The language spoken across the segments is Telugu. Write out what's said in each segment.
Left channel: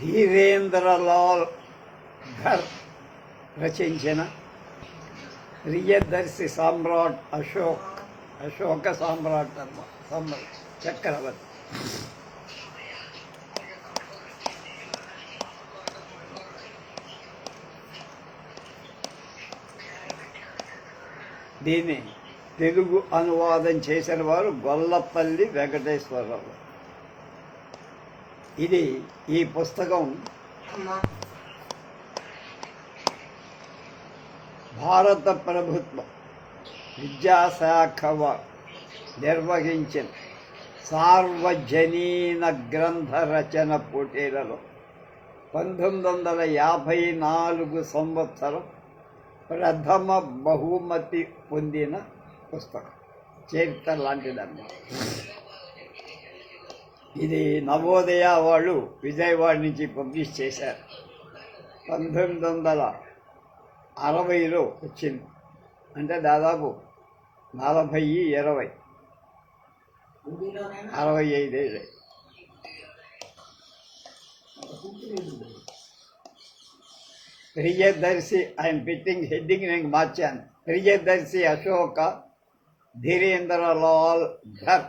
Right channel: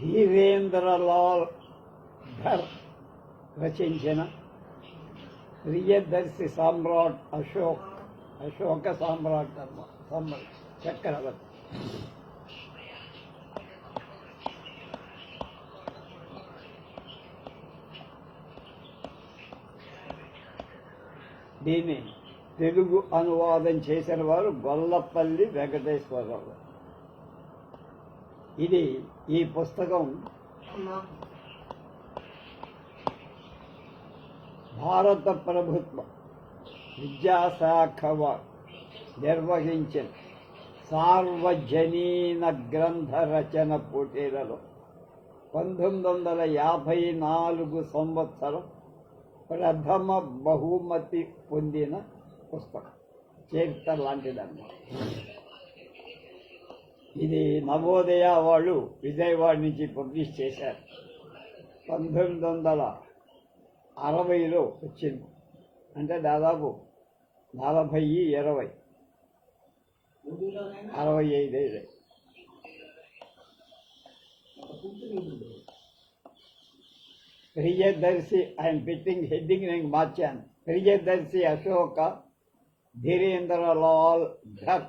ధీరేంద్రలాల్ ఘర్ రచించిన ప్రియదర్శి సామ్రాట్ అశోక సామ్రాట్ చక్రవర్తి. దీన్ని తెలుగు అనువాదం చేసిన వారు గొల్లపల్లి వెంకటేశ్వరరావు. ఇది ఈ పుస్తకం భారత ప్రభుత్వం విద్యాశాఖ నిర్వహించిన సార్వజనీన గ్రంథ రచన పోటీలలో 1954 సంవత్సరం ప్రథమ బహుమతి పొందిన పుస్తకం. చరిత్ర లాంటిదన్నమాట. ఇది నవోదయ వాళ్ళు విజయవాడ నుంచి పబ్లిష్ చేశారు. 1960లో వచ్చింది. అంటే దాదాపు 40-20 65 ఏళ్ళు. ప్రియదర్శి ఆయన పెట్టింగ్ హెడ్డింగ్ నేను మార్చాను. ప్రియదర్శి అశోక ధీరేంద్రలాల్ ఘర్.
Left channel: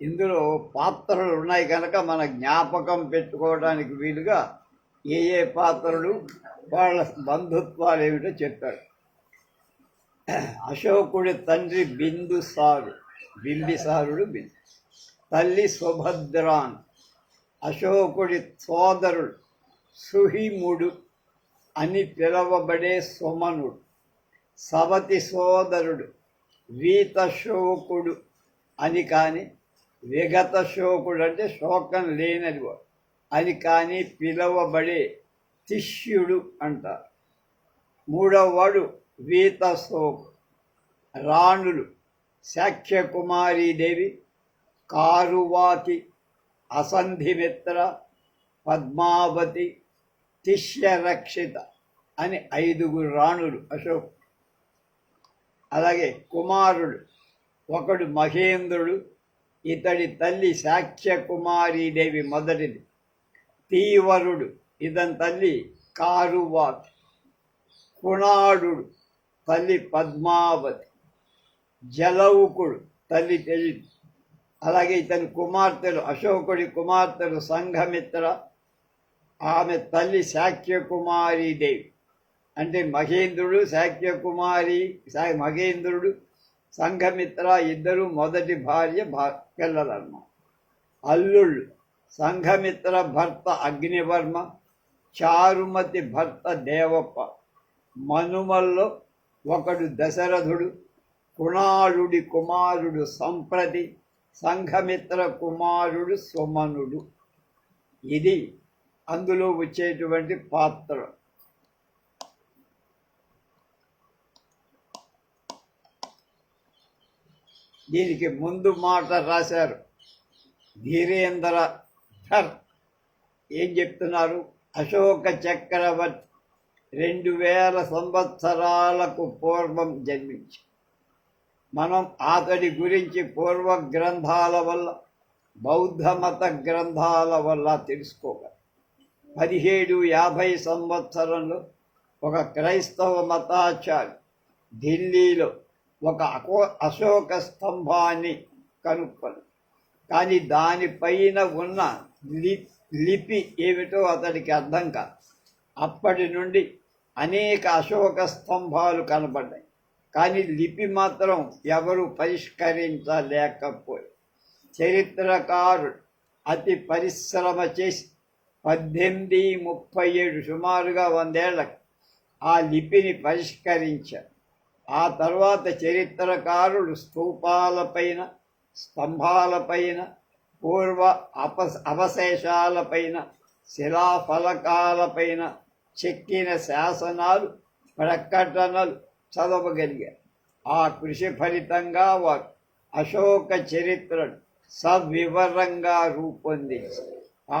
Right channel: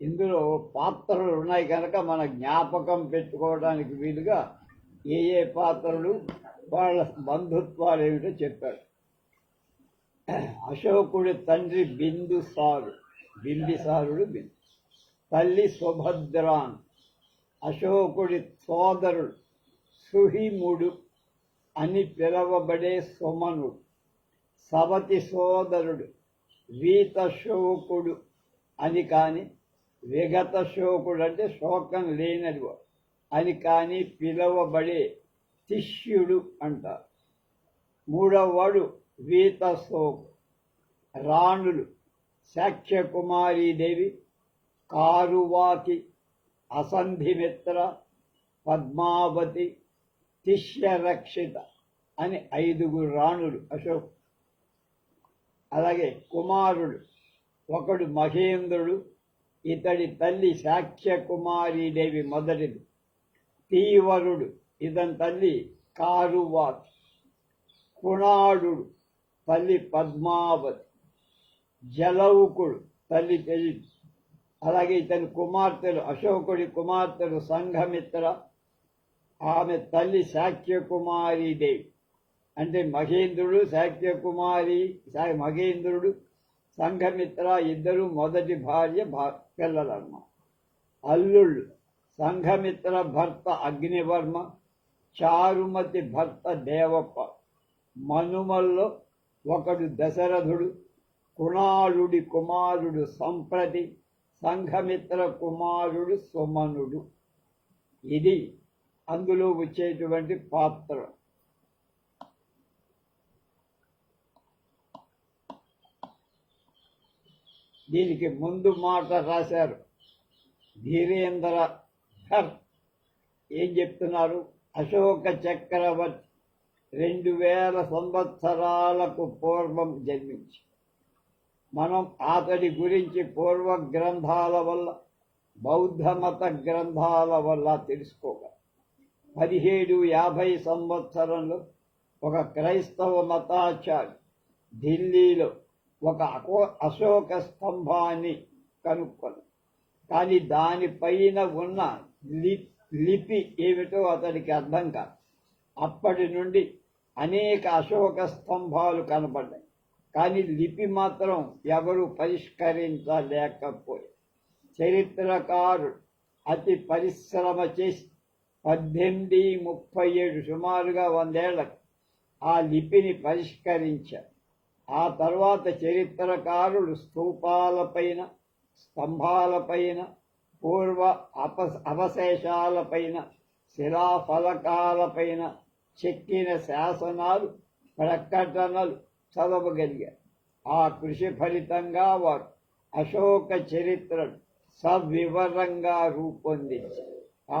ఇందులో పాత్రలు ఉన్నాయి కనుక మన జ్ఞాపకం పెట్టుకోవడానికి వీలుగా ఏ పాత్రలు వాళ్ళ బంధుత్వాలు ఏమిటో చెప్పాడు. అశోకుడి తండ్రి బింబిసారుడు తల్లి సుభద్రాన్. అశోకుడి సోదరుడు సుహిముడు అని పిలవబడే సుమనుడు. సవతి సోదరుడు వీతశోకుడు అని కానీ, విగత శోకుడు అంటే శోకం లేనది అని కానీ పిలవబడే తిష్యుడు అంటారు. మూడవవాడు వీతశోకు. రాణులు శాక్యకుమారీదేవి, కారువాకి, అసంధిమిత్ర, పద్మావతి, తిష్యరక్షిత అని 5 రాణులు అశోక్. అలాగే కుమారుడు ఒకడు మహేంద్రుడు. ఇతడి తల్లి శాక్యకుమారీదేవి మొదటిది. తీవరుడు ఇతని తల్లి కారువాకి. కుణాళుడు తల్లి పద్మావతి. జలౌకుడు తల్లి తెలియదు. అలాగే ఇతని కుమార్తెలు అశోకుడి కుమార్తెలు సంఘమిత్ర, ఆమె తల్లి శాక్యకుమారీదేవి. అంటే మహేంద్రుడు మహేంద్రుడు సంఘమిత్ర ఇద్దరు మొదటి భార్య పిల్లలన్నమాట. అల్లుళ్ళు సంఘమిత్ర భర్త అగ్నివర్మ, చారుమతి భర్త దేవప్ప. మనుమల్లో ఒకడు దశరథుడు, కుణాళుడి కుమారుడు సంప్రతి, సంఘమిత్ర కుమారుడు సుమనుడు. ఇది అందులో వచ్చేటువంటి పాత్ర. దీనికి ముందు మాట రాశారు ధీరేంద్ర ఘర్. ఏం చెప్తున్నారు? అశోక చక్రవర్తి 2000 సంవత్సరాలకు పూర్వం జన్మించి మనం అతడి గురించి పూర్వ గ్రంథాల వల్ల, బౌద్ధ మత గ్రంథాల వల్ల తెలుసుకోగలం. 1750 సంవత్సరంలో ఒక క్రైస్తవ మతాచార్య ఢిల్లీలో ఒక అశోక స్తంభాన్ని కనుక్కొని, కానీ దానిపైన ఉన్న లిపి ఏమిటో అతడికి అర్థం కాదు. అప్పటి నుండి అనేక అశోక స్తంభాలు కనబడ్డాయి, కానీ లిపి మాత్రం ఎవరు పరిష్కరించలేకపోయి. చరిత్రకారుడు అతి పరిశ్రమ చేసి 1837 సుమారుగా 100 ఏళ్లకు ఆ లిపిని పరిష్కరించారు. ఆ తర్వాత చరిత్రకారులు స్తూపాలపైన, స్తంభాలపైన, పూర్వ అవశేషాలపైన, శిలాఫలకాలపైన చెక్కిన శాసనాలు, ప్రకటనలు చదవగలిగారు. ఆ కృషి ఫలితంగా వారు అశోక చరిత్రను సవివరంగా రూపొందించి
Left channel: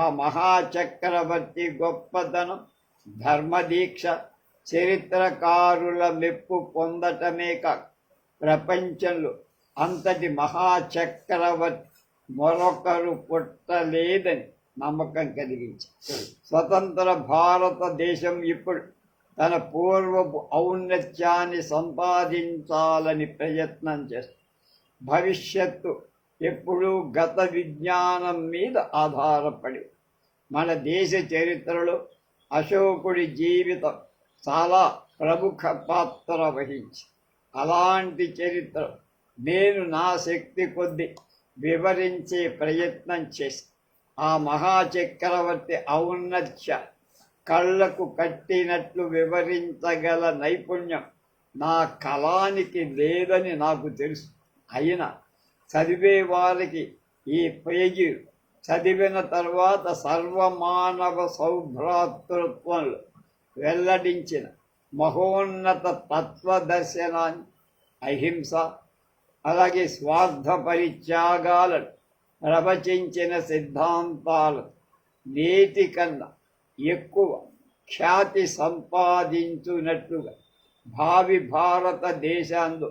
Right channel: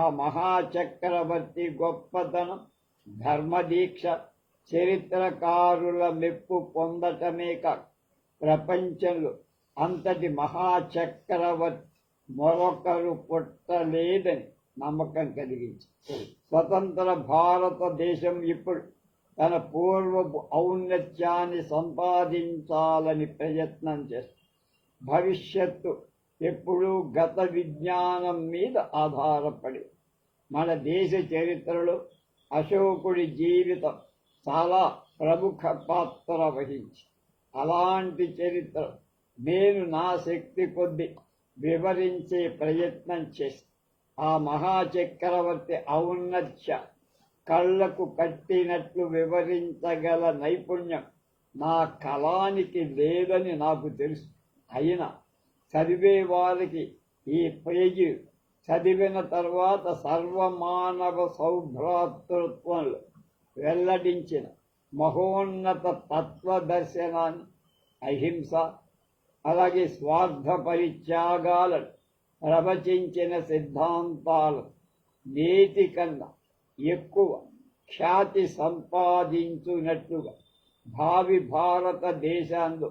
ఆ మహాచక్రవర్తి గొప్పతనం, ధర్మదీక్ష, చరిత్రకారుల మెప్పు పొందటమే కాక ప్రపంచంలో అంతటి మహాచక్రవర్తి మరొకరు పుట్టలేదని నమ్మకం కలిగించారు. స్వతంత్ర భారతదేశం ఇప్పుడు తన పూర్వపు ఔన్నత్యాన్ని సంపాదించాలని ప్రయత్నం చేస్తుంది. భవిష్యత్తు ఎప్పుడూ గత విజ్ఞానం మీద ఆధారపడి. మన దేశ చరిత్రలో అశోకుడి జీవితం చాలా ప్రముఖ పాత్ర వహించి, అలాంటి చరిత్ర నేను నా శక్తి కొద్దీ వివరించే ప్రయత్నం చేసి, ఆ మహాచక్రవర్తి ఔన్నత్య కళ్ళకు కట్టినట్లు వివరించగల నైపుణ్యం నా కళానికి లేదని నాకు తెలుసు. అయినా చదివే వారికి ఈ పేజీ చదివిన తర్వాత సర్వమానవ సౌభ్రాతృత్వంలో వెల్లడించిన మహోన్నత తత్వదర్శనాన్ని, అహింస అలాగే స్వార్థ పరిత్యాగాలను ప్రవచించిన సిద్ధాంతాలు నేటి కన్నా ఎక్కువ ఖ్యాతి సంపాదించున్నట్లుగా భావి భారతదేశాన్ని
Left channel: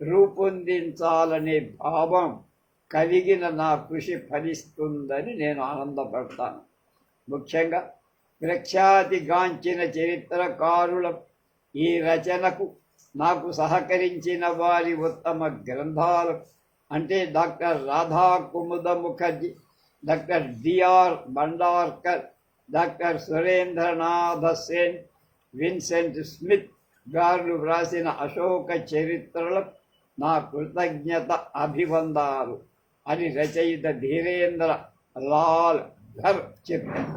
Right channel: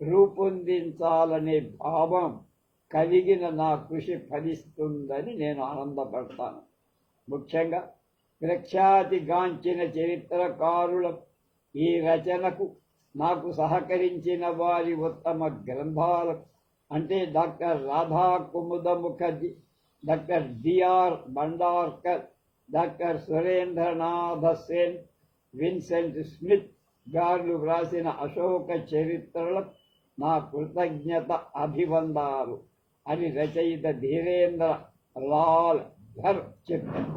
రూపొందించాలనే భావం కలిగిన నా కృషి ఫలిస్తుందని నేను ఆనందపడతాను. ముఖ్యంగా ప్రఖ్యాతిగాంచిన చరిత్రకారుల ఈ రచనకు నాకు సహకరించిన వారి ఉత్తమ గ్రంథాలు అంటే doctor Radha Kumuda Mukherjee, doctor D R Bhandarkar, doctor Surendranatha Sen, Vincent Smith గారు వ్రాసిన అశోక చరిత్రలకు నా కృతజ్ఞత అభివందనాలు అని రచయిత ధీరేంద్ర లాల్ ఘర్ చెప్పారు.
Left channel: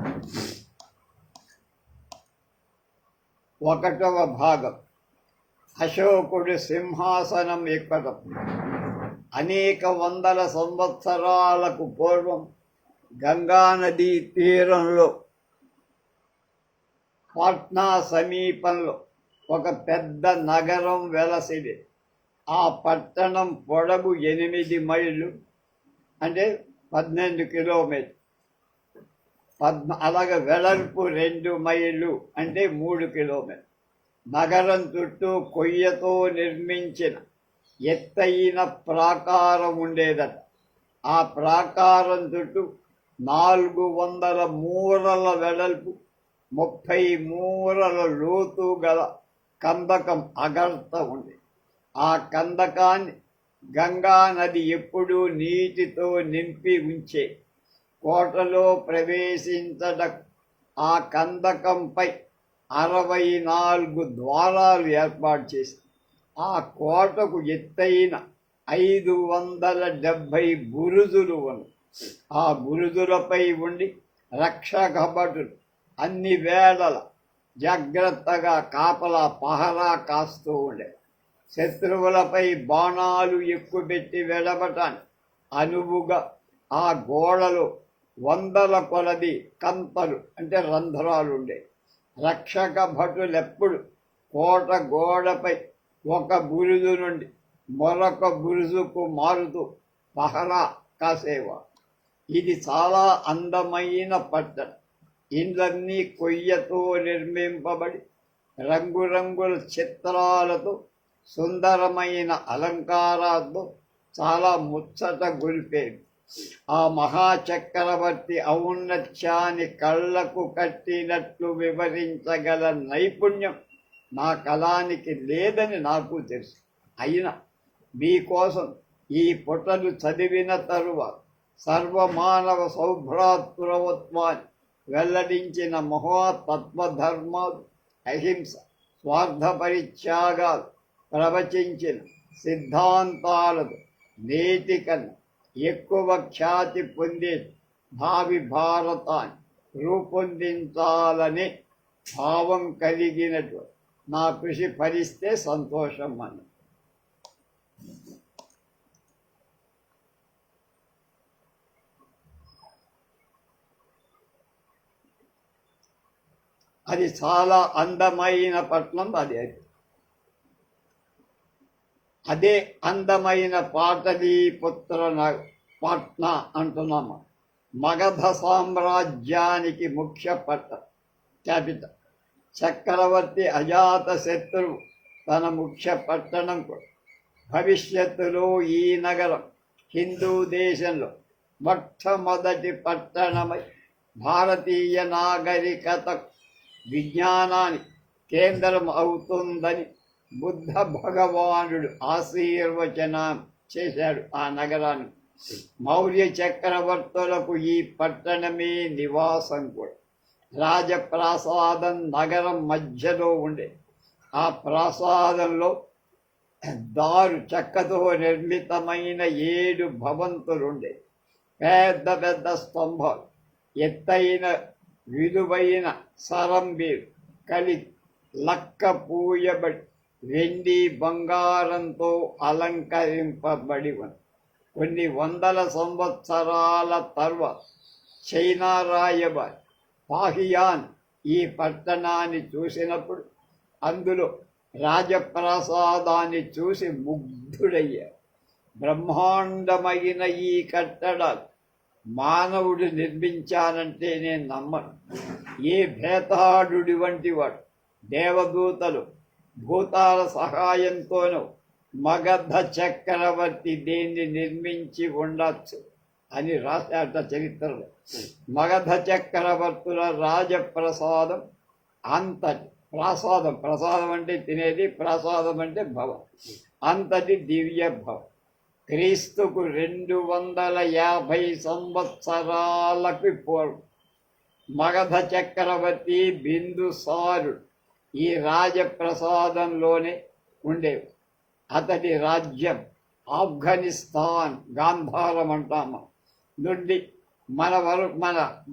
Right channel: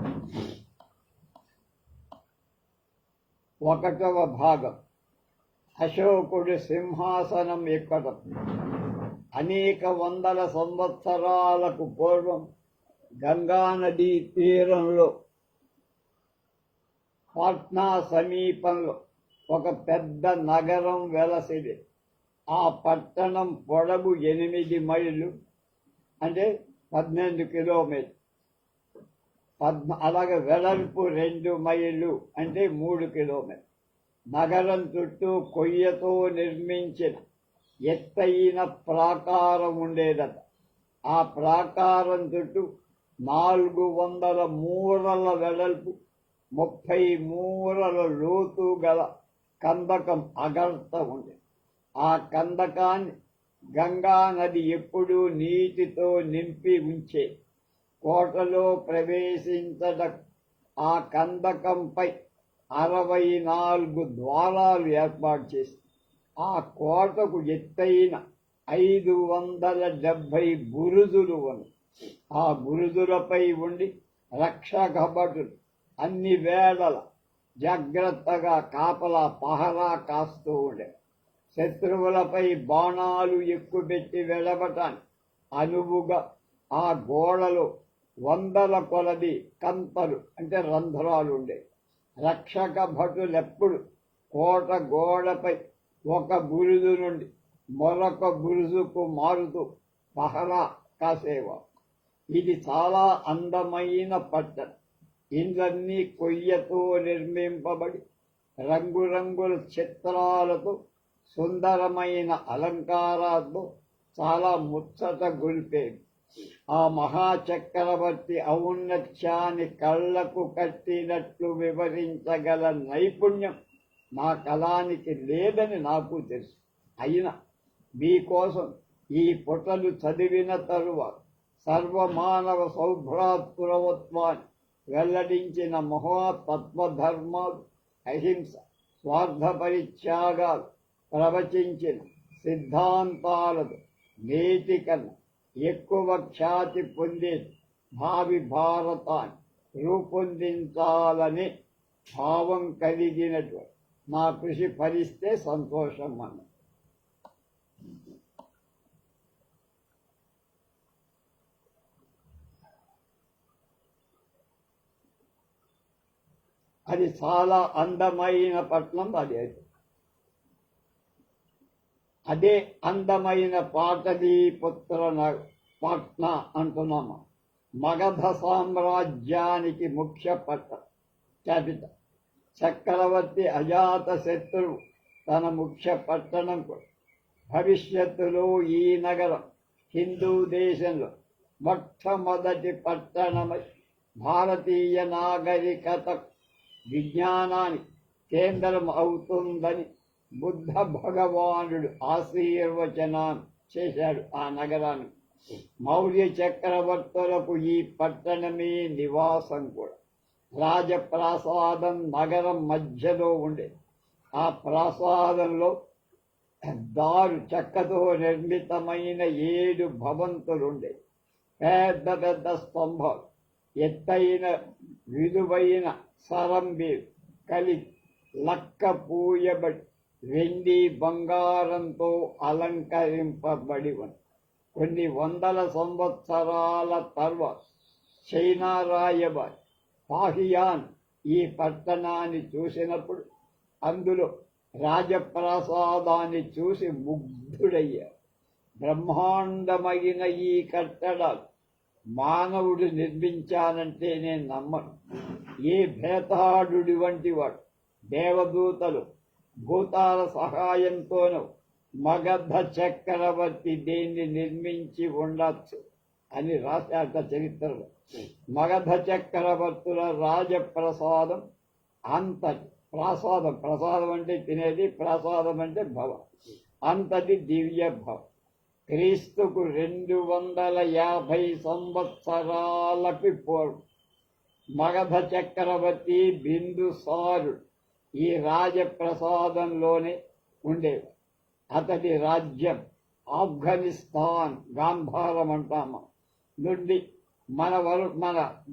1వ భాగం అశోకుడు సింహాసనం ఎక్కడం. అనేక వందల సంవత్సరాలకు పూర్వం గంగానదీ తీరంలో పాట్నా సమీపంలో ఒక పెద్ద నగరం వెలసిది. ఆ పట్టణం పొడవు 8 మైళ్ళు అంటే 12 కిలోమీటర్లు, అలాగే వెడల్పు 2 మైళ్ళు అంటే 3 కిలోమీటర్లు. నగరం చుట్టూ కొయ్యతో నిర్మించిన ఎత్తైన ప్రాకారం ఉండేదట. ఆ ప్రాకారం చుట్టూ 400 మూరల వెడల్పు 30 మూరల లోతు గల కందకం అగర్త ఉంది. ఆ కందకాన్ని గంగా నది ఎప్పుడూ నీటితో నింపి ఉంచే. కోటలో ప్రవేశించడం ఆ కందకంపై 64 ద్వారాలు ఏర్పాటు చేసి, ఆ కోటకు ఎత్తైన 570 బురుజులు ఉన్నాయి. ఆ బురుజులపై ఉండి రక్షక భటులు అన్ని వేళల జాగ్రత్తగా కాపలా పహరా కాస్తూ ఉండే. శత్రువులపై బాణాలు ఎక్కుపెట్టి వెడబటాన్ని అనువుగా ఆ గోడలో 100 కొలది కంతలు అంటే రంధ్రాలు ఉండే. రక్షక భటులెప్పుడు కోట గోడపై ఒక బురుజు నుండి మరొక బురుజుకు మారుతూ పహరా కాసేవారు. ఇది చాలా అందమైన పట్టణం. ఇండ్లన్నీ కొయ్యతో నిర్మింపబడి రంగురంగుల చిత్రాలతో సుందరమైన అలంకారాలతో చాలా ముచ్చట గొల్పేది. ఆ మహాచక్రవర్తి ఔన్నత్యాన్ని కళ్ళకు కట్టినట్లు వివరించగల నైపుణ్యం నా కళానికి లేదని నాకు తెలుసు. అయినా మీకోసం ఈ పుటలు చదివిన తరువాత సర్వమానవ సౌభ్రాతృత్వాన్ని వెల్లడించిన మహాతత్వధర్మాలు, అహింస, స్వార్థ పరిత్యాగాలు ప్రవచించిన సిద్ధాంతాలతో నేటి కన్నా ఎక్కువ ఖ్యాతి పొందే భావి భారతాన్ని రూపొందించాలనే భావం కలిగినట్టు నా కృషి ఫలిస్తే సంతోషం అన్న. అది చాలా అందమైన పట్టణం. అదే అందమైన పాటలీపుత్ర పాట్నా అంటున్నాము. మగధ సామ్రాజ్యానికి ముఖ్య క్యాపిటల్. చక్రవర్తి అజాతశత్రువు తన ముఖ్య పట్టణం భవిష్యత్తులో ఈ నగరం హిందూ దేశంలో మొట్టమొదటి పట్టణమై భారతీయ నాగరికత విజ్ఞానానికి కేంద్రం అవుతుందని బుద్ధ భగవానుడు ఆశీర్వచనం చేశాడు ఆ నగరానికి. మౌర్య చక్రవర్తులకు ఈ పట్టణమే నివాసం కూడా. రాజప్రాసాదం నగరం మధ్యలో ఉండే. ఆ ప్రాసాదంలో దారు చెక్కతో నిర్మితమైన 7 భవంతులుండే. పెద్ద పెద్ద స్తంభాలు, ఎత్తైన విలువైన సరంబీలు కలిగి లక్క పూయబడి వెండి బంగారంతో అలంకరింపబడి ఉంది. కొన్ని వందల సంవత్సరాల తర్వాత చైనా రాయబారి పాహియాన్ ఈ పట్టణాన్ని చూసినప్పుడు అందులో రాజప్రాసాదాన్ని చూసి ముగ్ధుడయ్యారు. బ్రహ్మాండమైన ఈ కట్టడాలు మానవుడు నిర్మించానంటే నేను నమ్మను. ఏ భేతాళుడి వంటి వాడు దేవదూతలు భూతాల సహాయంతోనూ మగధ చక్రవర్తి దేన్ని నిర్మించి ఉండొచ్చు అని రాశాట చరిత్రలో. మగధ చక్రవర్తుల రాజప్రసాదం అంతటి ప్రసాదం, ప్రసాదం అంటే తినేది, ప్రసాదం అంటే భవం, అంతటి దివ్య భవం. క్రీస్తుకు 250 సంవత్సరాలకు పూర్వం మగధ చక్రవర్తి బిందుసారుడు ఈ రాజప్రసాదంలోనే ఉండేవాడు. అతడి రాజ్యం ఆఫ్ఘనిస్తాన్, గాంధారం అంటాము, నుండి మన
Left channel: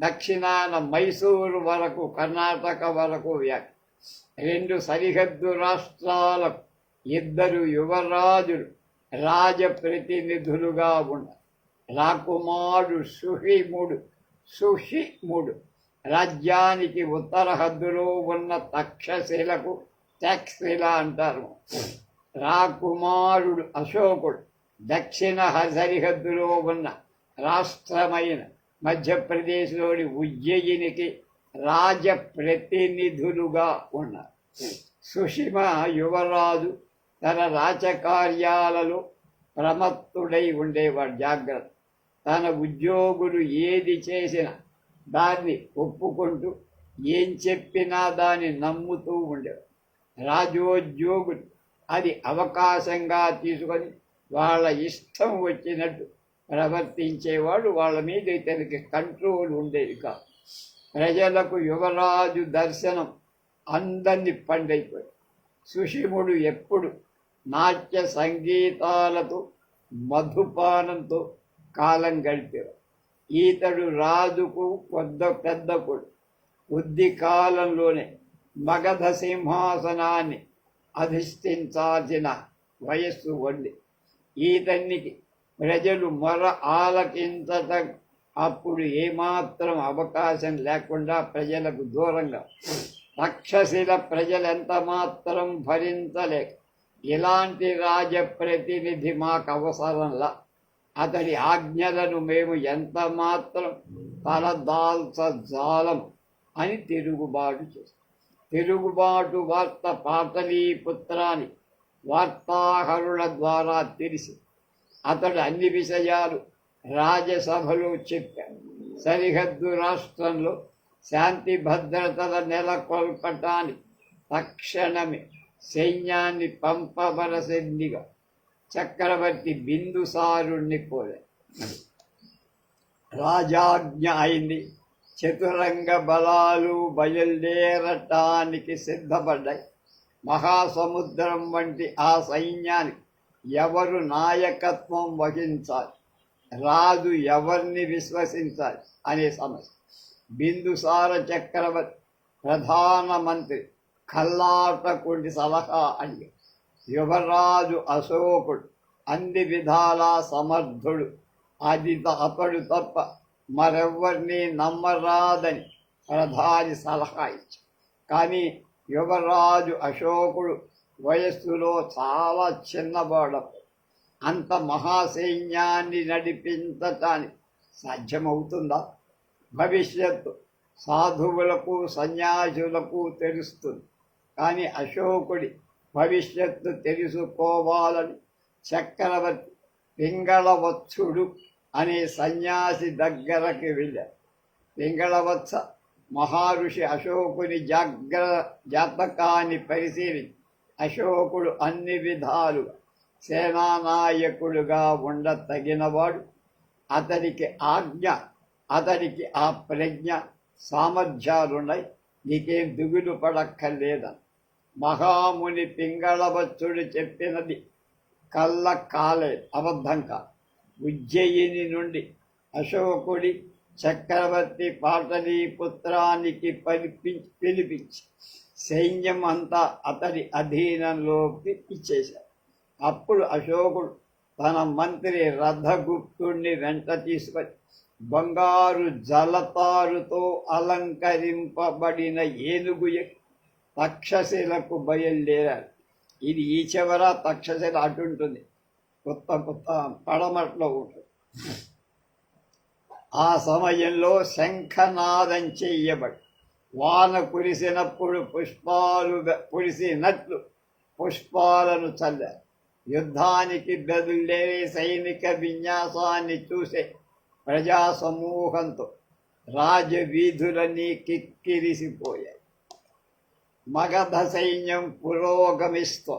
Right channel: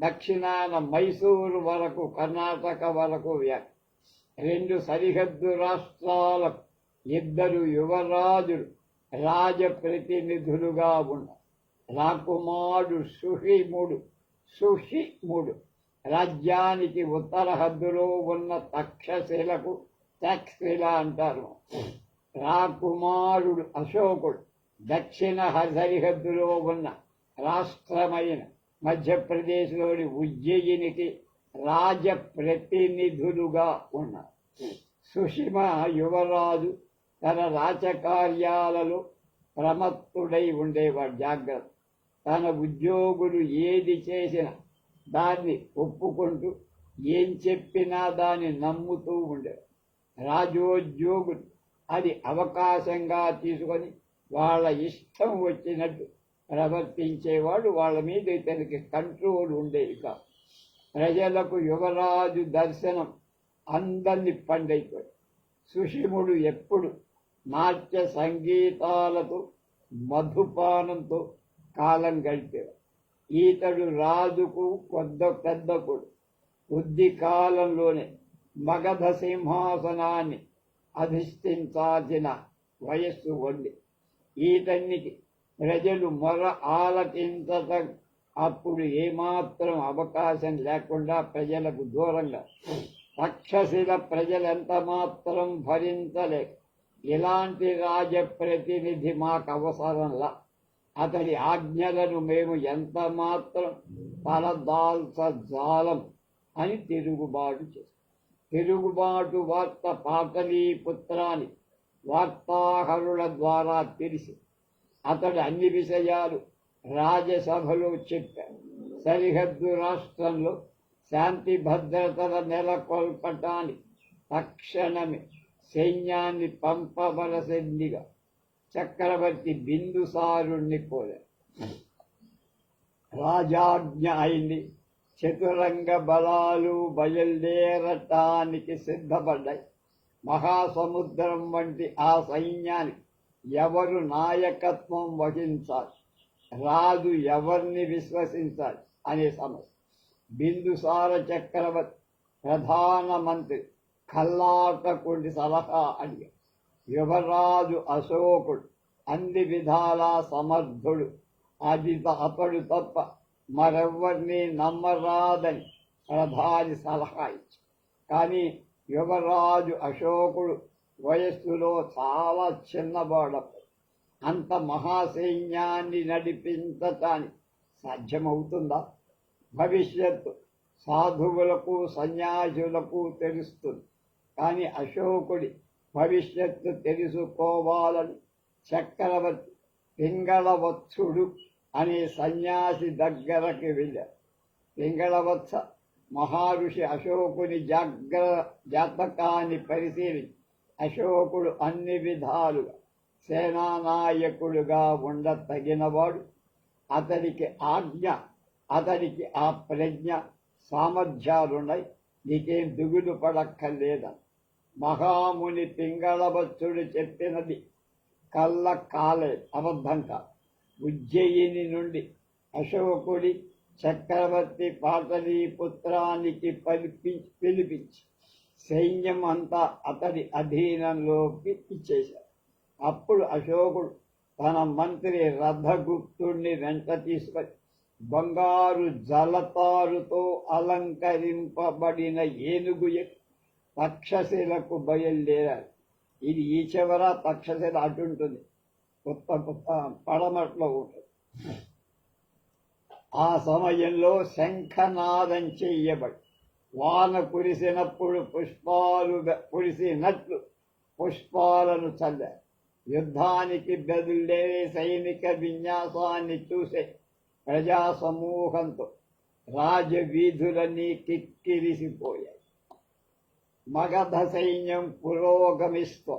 దక్షిణాన మైసూరు వరకు, కర్ణాటక వరకు 2 సరిహద్దు రాష్ట్రాలకు 2 యువరాజులు రాజప్రతినిధులుగా ఉన్నారు. రాకుమారుడు సుషిముడు రాజ్యానికి ఉత్తర హద్దులో ఉన్న తక్షశిలకు తక్షశిల అంటారు. రాకుమారుడు అశోకుడు దక్షిణ సరిహద్దులో ఉన్న రాష్ట్రమైన మధ్యప్రదేశ్లోని ఉజ్జయినికి రాజప్రతినిధులుగా ఉన్నారు. సుషిమ యువరాజు తన రాజకార్యాలలో ప్రమత్తుడై ఉండేవాడు. జాగ్రత్త. తన ఉద్యోగులు ఏది చేసినా దాన్ని ఒప్పుకుంటూ, ఏం చెప్పినా దాన్ని నమ్ముతూ ఉండేవాడు. రాజోద్యోగులు అది అవకాశంగా తీసుకొని వాళ్ళ ఇష్టం వచ్చినట్టు ప్రవర్తించేవాడు. వాళ్ళ మీద ఇతనికి కంట్రోల్ ఉండేది కాదు. ప్రజలకు యువరాజు దర్శనం అందరినీ పండైపోయాడు. సుషిముడు ఎప్పుడు నాట్య సంగీతాలతో మధుపానంతో కాలం గడిపేవాడు. ఈతడు రాజుకు పెద్ద కొద్ది కాలంలోనే మగధ సింహాసనాన్ని అధిష్ఠించాల్సిన వయస్సు ఉంది. ఈతనికి ప్రజలు మొర ఆలకించటం అప్పుడు ఏమాత్రం అవకాశం లేకుండా ప్రజలకు దూరంగా. తక్షశిల ప్రజలెంత మాత్రం భరించలేక ఇలాంటి రాజప్రతినిధి మాకు అవసరంలా, అతడి ఆజ్ఞలను మేము ఎంత మాత్రం తలదాల్చజాలం అని తిరుగుబాటు చేస్తాం. తిరుగుబాటు వార్త పాటలీపుత్రాన్ని వార్తాహరుల ద్వారా తెలిసి అతడు అన్ని విషయాలు రాజ్యసభలో చెప్పారు. సరిహద్దు రాష్ట్రంలో శాంతి భద్రతల నెలకొల్పటానికి తక్షణమే సైన్యాన్ని పంపవలసిందిగా చక్రవర్తి బిందుసారుణ్ణి కోరారు. రాజాజ్ఞ అయింది. చతురంగ బలాలు బయలుదేరటానికి సిద్ధపడ్డాయి. మహాసముద్రం వంటి ఆ సైన్యానికి ఎవరు నాయకత్వం వహించాలి, రాజు ఎవరిని విశ్వసించాలి అనే సమస్య. బిందుసార చక్రవర్తి ప్రధానమంత్రి కల్లాటకుడి సలహా అడిగాడు. యువరాజు అశోకుడు అన్ని విధాలా సమర్థుడు, అతడు తప్ప మరెవ్వరినీ నమ్మరాదని ప్రధాని సలహా ఇచ్చాడు. కానీ యువరాజు అశోకుడు వయస్సులో చాలా చిన్నవాడప్పుడు అంత మహాసైన్యాన్ని నడిపించటానికి సాధ్యమవుతుందా? భవిష్యత్తు సాధువులకు సన్యాసులకు తెలుస్తుంది. కానీ అశోకుడి భవిష్యత్తు తెలుసుకోవాలని చక్రవర్తి పింగళవత్సుడు అనే సన్యాసి దగ్గరకు వెళ్ళారు. పింగళవత్స మహర్షి అశోకుని జాతకాన్ని పరిశీలించి అశోకుడు అన్ని విధాలుగా సేనానాయకుడుగా ఉండతగినవాడు, అతడికి ఆ ప్రజ్ఞ సామర్థ్యాలున్నాయి, నీకేం దిగులు పడక్కర్లేదని మహాముని పింగళవత్సుడు చెప్పినది కళ్ళ కాలేదు, అబద్ధం కాదు. ఉజ్జయిని నుండి అశోకుడి చక్రవర్తి పాటలీపుత్రానికి పిలిపించి సైన్యం అంతా అతడి అధీనంలోకి ఇచ్చేశారు. అప్పుడు అశోకుడు తన మంత్రి రథగుప్తుడిని వెంట తీసుకొని బంగారు జలతారుతో అలంకరింపబడిన ఏనుగు తక్షశిలకు బయలుదేరారు. ఇది ఈ చివర, తక్షశిల అటుంటుంది, కొత్త పడమట్లో ఉంటుంది. ఆ సమయంలో శంఖనాదం చెయ్యబడి వాన కురిసినప్పుడు కురిసినట్లు పుష్పాలను చల్లారు. యుద్ధానికి బదులుదేరే సైనిక విన్యాసాన్ని చూసే ప్రజా సమూహంతో రాజవీధులన్నీ కిక్కిరిసిపోయాయి. మగధ సైన్యం పురోగమిస్తూ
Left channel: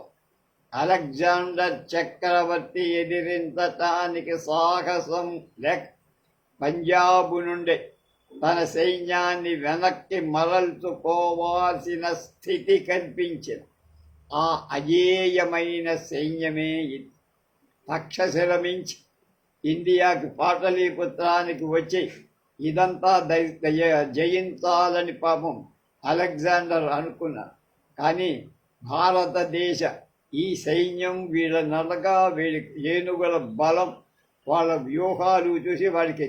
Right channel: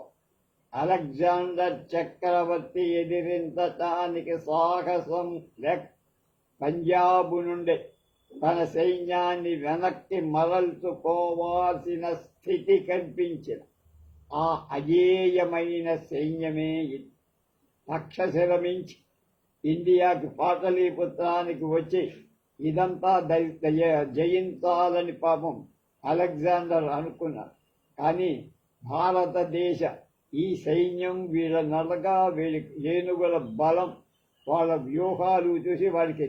అలెగ్జాండర్ చక్రవర్తి ఎదిరించటానికి సాహసం లేక పంజాబు నుండి తన సైన్యాన్ని వెనక్కి మరల్చుకోవాల్సిన స్థితి కల్పించిన ఆ అజేయమైన సైన్యమే ఇది. తక్షశిల మించి ఇండియాకి పాటలీపుత్రానికి వచ్చి ఇదంతా జయించాలని పాపం అలెగ్జాండర్ అనుకున్నారు. కానీ భారతదేశ ఈ సైన్యం వీళ్ళ నడగా, వీళ్ళ ఏనుగుల బలం, వాళ్ళ వ్యూహాలు చూసి వాడికి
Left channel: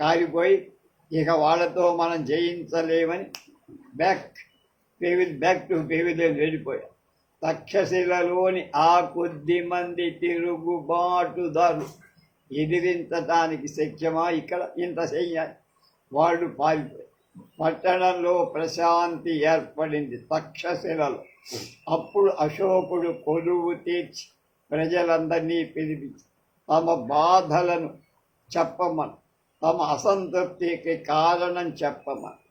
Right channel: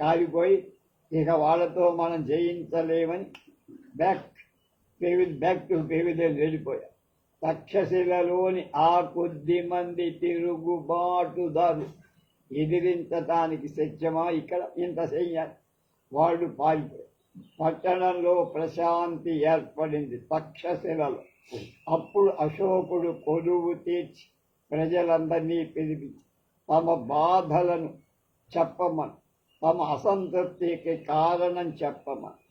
కారిపోయి ఇక వాళ్ళతో మనం జయించలేమని బ్యాక్ టు పెవిలియన్ వెళ్ళిపోయారు. తక్షశిలలోని ఆ కొద్ది మంది తిరుగుబాటుదారులు ఎదిరించటానికి శక్యమా ఇక్కడ ఇంత సైన్యాన్ని? వాళ్ళు పారిపోయారు. పట్టణంలో ప్రశాంతి ఏర్పడింది తక్షశిలలో. అప్పుడు అశోకుడు కొలువు తీర్చి ప్రజలందరినీ పిలిపించి తమ బాధలను చెప్పమని, తమ అసంతృప్తికి కారణం చెప్పమని,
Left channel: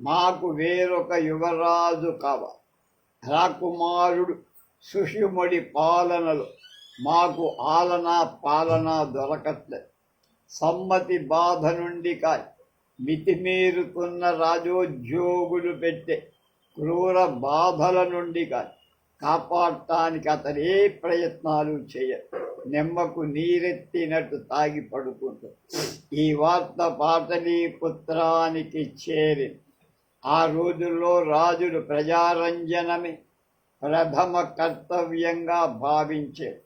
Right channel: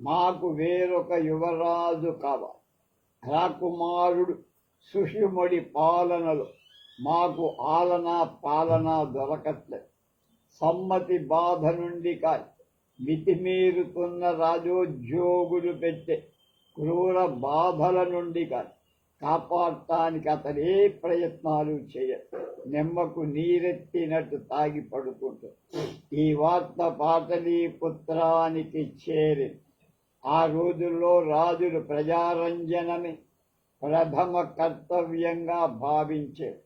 మాకు వేరొక యువరాజు కావాలి, రాకుమారుడు సుషిముడి పాలనలో మాకు పాలన దొరకట్లేదు, సమ్మతి బాధ నుండి కాని మితిమీరుతున్న రాజోద్యోగులు పెట్టే క్రూర బాధల నుండి కాని కాపాడటానికి అతడే ప్రయత్నాలు చేయరు. నిమ్మకు నీరెత్తినట్టు తాగి పడుకుంటాడు. ఈ వార్త పాటలీపుత్రానికి చేరింది. ఆ రోజుల్లో రాజులు ప్రజారంజనమే ప్రథమ కర్తవ్యంగా భావించారు.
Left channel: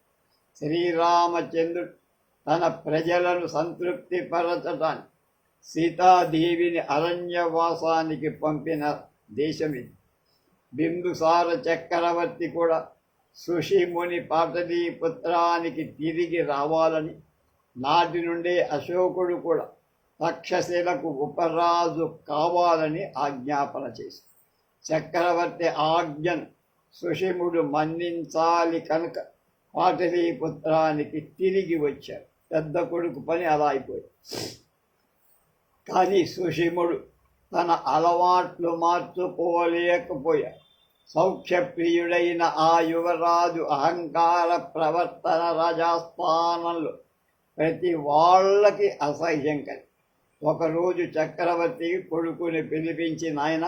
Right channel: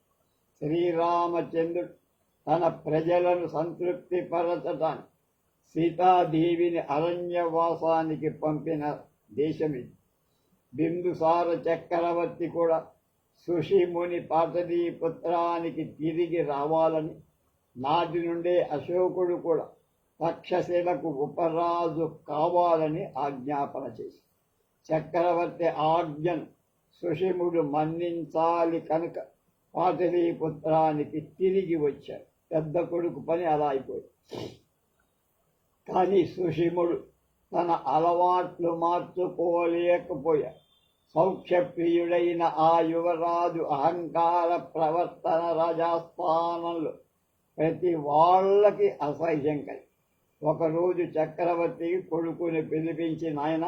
శ్రీరామచంద్రుడు తన ప్రజలను సంతృప్తిపరచడానికి సీతాదేవిని అరణ్యవాసానికి పంపిన దేశం ఇది. బిందుసార చక్రవర్తి కూడా సుషిముని పాటలీపుత్రానికి తిరిగి రావాలని, నాటి నుండే అశోకుడు కూడా తక్షశిలకు ఉపరాజు కావాలని ఆజ్ఞాపన చేసి చక్రవర్తి ఆజ్ఞను సుషిముడు మన్నించాలి కనుక పాటలీపుత్రానికి తిరిగి వచ్చారు. పెద్ద కొడుకు పని అలా అయిపోయింది. కానీ సుషిముడు తన అలవాట్లు మార్చుకోలేకపోయాడు. సౌఖ్యప్రియుడైన ఆ యువరాజు అహంకార ప్రవర్తన రాజస్థానంలో ప్రతి వాళ్ళకి అసహ్యం కలిగి ఒకరోజు చక్రవర్తికి కొడుకుని పిలిపించి, నాయన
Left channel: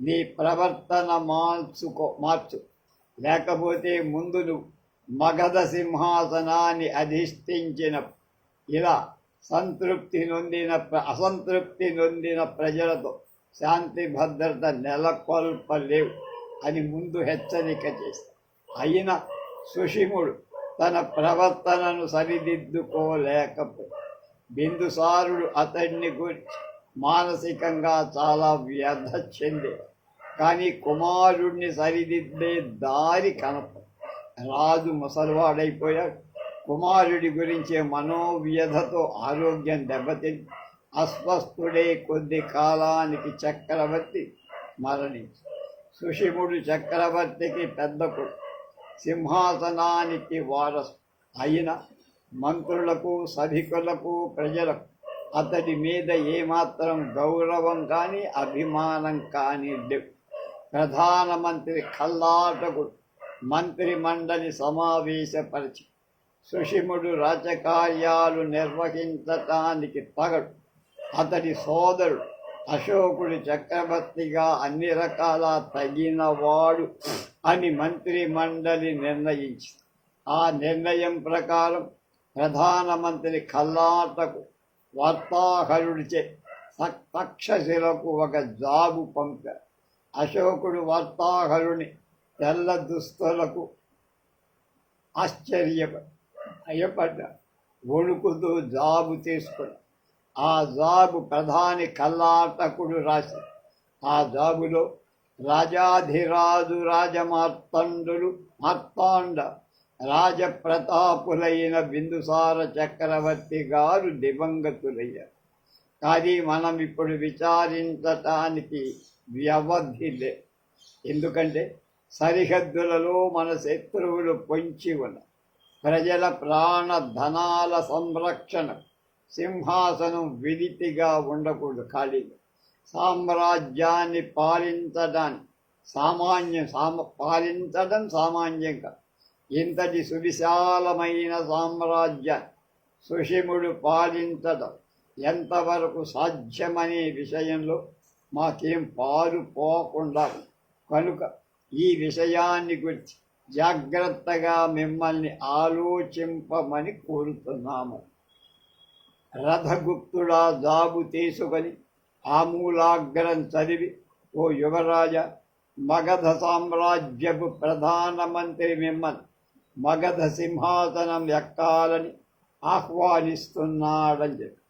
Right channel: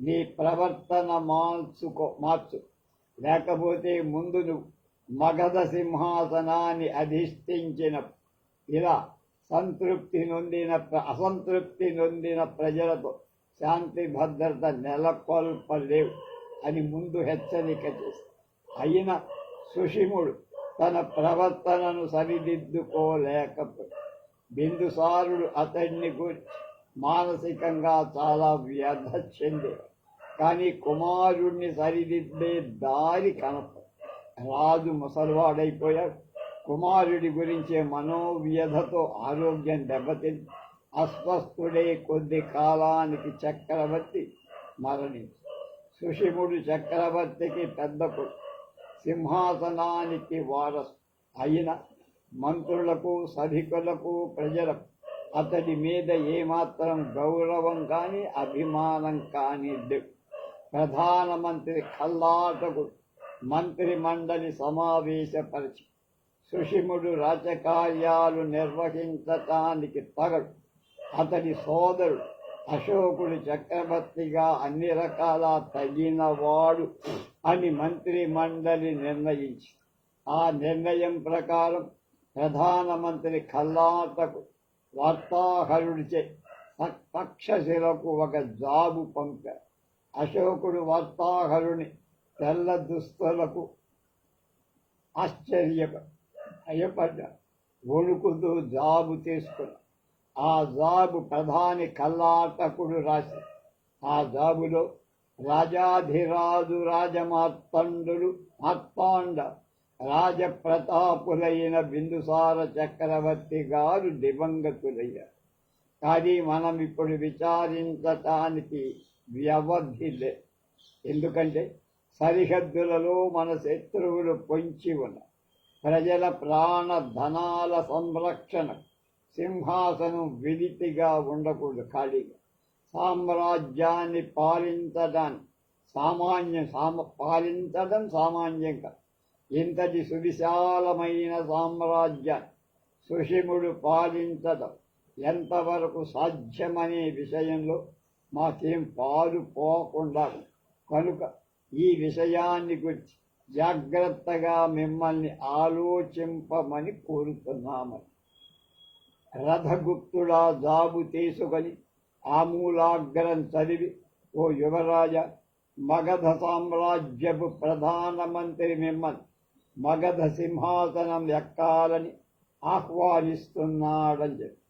నీ ప్రవర్తన మార్చు, లేకపోతే ముందు నువ్వు మగధ సింహాసనాన్ని అధిష్ఠించిన ఇలా అసంతృప్తి నొందిన ప్రజలతో శాంతి భద్రత నెలకొల్పలేవు అని ముందు హెచ్చరిక చేశారు. అయినా సుషిముడు తన ప్రవర్తనను సరిదిద్దుకోలేకపోయి బిందుసారుడు అతడిని గురించి మానసికంగా చాలా వ్యధ చెందేవాడు. కానీ కుమారుడిని సరిదిద్దే దారి కనపడదు. రాజు ముసలివాడైపోయాడు. కుమారుడి గురించే మనోవ్యధతో ఆరోగ్యం దెబ్బతిని అస్వస్థుడే కొద్ది కాలానికి చక్రవర్తి మరణించి. సుషిముడు చక్రవర్తికి పెద్ద కొడుకు, సింహాసనానికి వారసు అయిన మంత్రులకు, సభికులకు, ప్రజలకు అతడి మీద ఏమాత్రం గౌరవం కానీ అభిమానం కానీ లేవు. ప్రధానమంత్రి కల్లాటకుడు మంత్రి మండలి సమావేశపరిచి సుషిముడు రాజకార్యాలు నిర్వహించటానికి తగడు. అతడి సోదరుడు అశోకుడు చక్రవర్తిగా అన్ని రకాల తగినవాడు అని మంత్రి మండలి నిర్ణయించింది. ఆ నిర్ణయం ప్రకారం ప్రధానమంత్రి కల్లాటకు వార్తాహరుడిచే తక్షశిలకు ఒక జాబు పంపారు. అశోకుడు వార్తాహరుని తెల్ల దుస్తులకు భయపడ్డాడు. వణుకుతూ జాబు తీసుకున్నాడు. ఆ జాబు ప్రధాని కల్లాటకుడు రాసి, ఆ జాబులో రాజాధిరాజు రాజమార్తాండులు మార్తాండ రాజప్రతాపులైన బిందుసార చక్రవర్తి గారు దివంగతులయ్యారు. కానీ మనం ఇప్పుడు విచారించటానికి వ్యవధి లేదు. ఎందుకంటే సరిహద్దులలో మన శత్రువులు పొంచి ఉన్న ప్రజల ప్రాణ ధనాల సంరక్షణ సింహాసనం విడితిగా ఉండకూడదు. ఖాళీగా సామ్రాజ్యాన్ని పాలించడం సామాన్యం కాదు. ఇంతటి సువిశాలమైన సామ్రాజ్యాన్ని సుషిముడు పాలించడం ఎంతవరకు సాధ్యమనే విషయంలో మాకేం పాలు పోకుండా, కనుక ఈ విషయాన్ని గురించి జాగ్రత్తగా మిమ్మల్ని ఆలోచింపమని కోరుతున్నాము. రథగుప్తుడా జాబు తీసుకొని ఆమూలాగ్రం చదివి, ఓ యువరాజ, మగధ సామ్రాజ్యపు ప్రధానమంత్రి మిమ్మల్ని మగధ సింహాసనం ఎక్కాలని ఆహ్వానిస్తున్నాడని చెప్పి,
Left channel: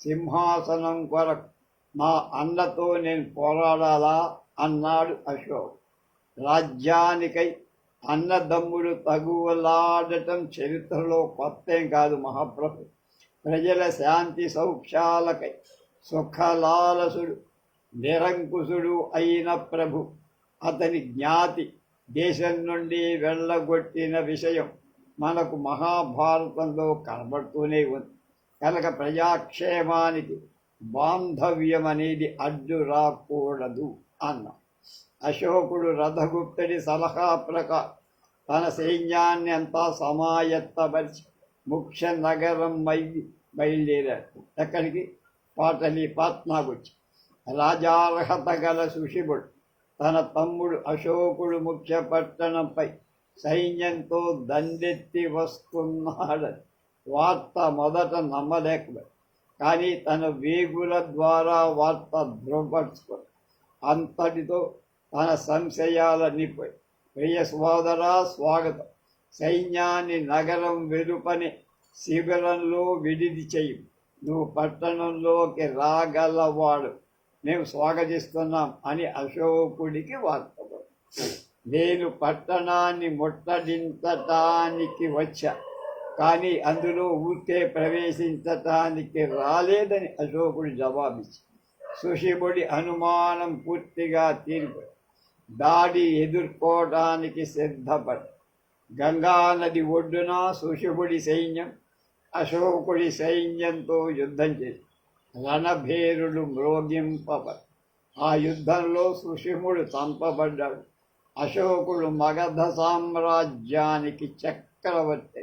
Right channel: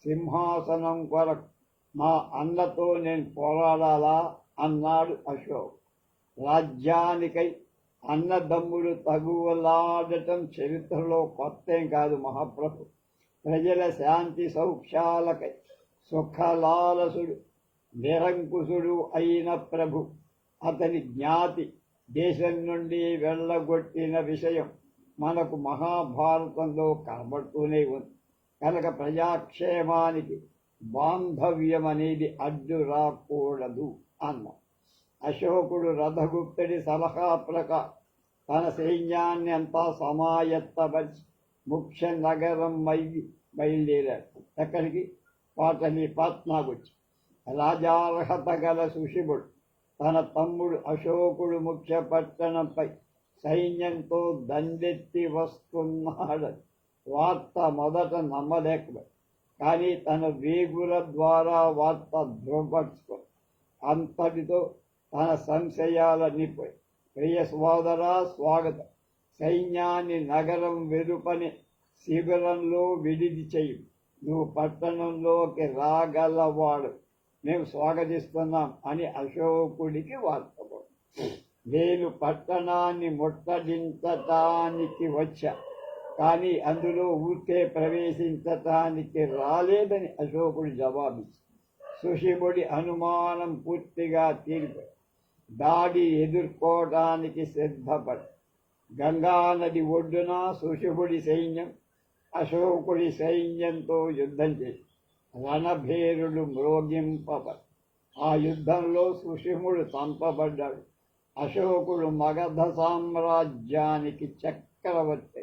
సింహాసనం కొరకు మా అన్నతో నేను పోరాడాలా అన్నాడు అశోక్. రాజ్యానికై అన్నదమ్ములు తగువలాడటం చరిత్రలో కొత్తేం కాదు మహాప్రభు. ప్రజల శాంతి సౌఖ్యాలకై సుఖలాలసుడు నిరంకుశుడు అయిన ప్రభు అతని జ్ఞాతి దేశం నుండి వెళ్ళగొట్టిన విషయం మనకు మహాభారతంలో కనబడుతూనే ఉంది. కనుక ప్రజాక్షేమానికి బాంధవ్యం అనేది అడ్డు రాకూడదు అన్న అశోకుడు రథగుప్తుడి సలహా ప్రకారం తన సైన్యాన్ని అంతా సమాయత్తపరిచి ముఖ్య నగరం బయలుదేరాడు. ఎక్కడికి? పాటలీపట్నాకొచ్చి రాజార్హత గల సుషిముడు తన తమ్ముడు అశోకుడు ముఖ్య పట్టణంపై సైన్యంతో దండెత్తి వస్తున్నాడని వార్త మొదట నమ్మలేకపోయి, కానీ తన వేగుల ద్వారా వార్త ధృవపరుచుకొని అంతటితో తన సంశయాలన్నీ పోయి, ప్రియ సోదరా స్వాగతం, సైన్యాన్ని నగరం వెలుపని శిబిరంలో విడిది చెయ్యి, నువ్వు పట్టణంలోకి రాగలవాడు, మేము స్వాగతిస్తున్నాం అని అశోకుడికి వార్త. నేను పట్టణాన్ని ముట్టడించటానికి వచ్చా, కానీ అందులో ఊరికే ప్రవేశించటానికి రాలేదని అశోకుడు జవాబిచ్చి సుషిముడి అనుమానం పూర్తిగా తీరిపోయి దాడి ఎదుర్కోవడానికి సిద్ధపడ. గంగానది ఒడ్డున సుషిముడి సైన్యం అశోకుడి సైన్యంతో యుద్ధం చేసి రణభేరులు మ్రోగింపబడి ఆ యుద్ధంలో సుషిముడు చంపబడ్డాడు. అశోకుడు మగధ సామ్రాజ్యానికి చక్రవర్తి.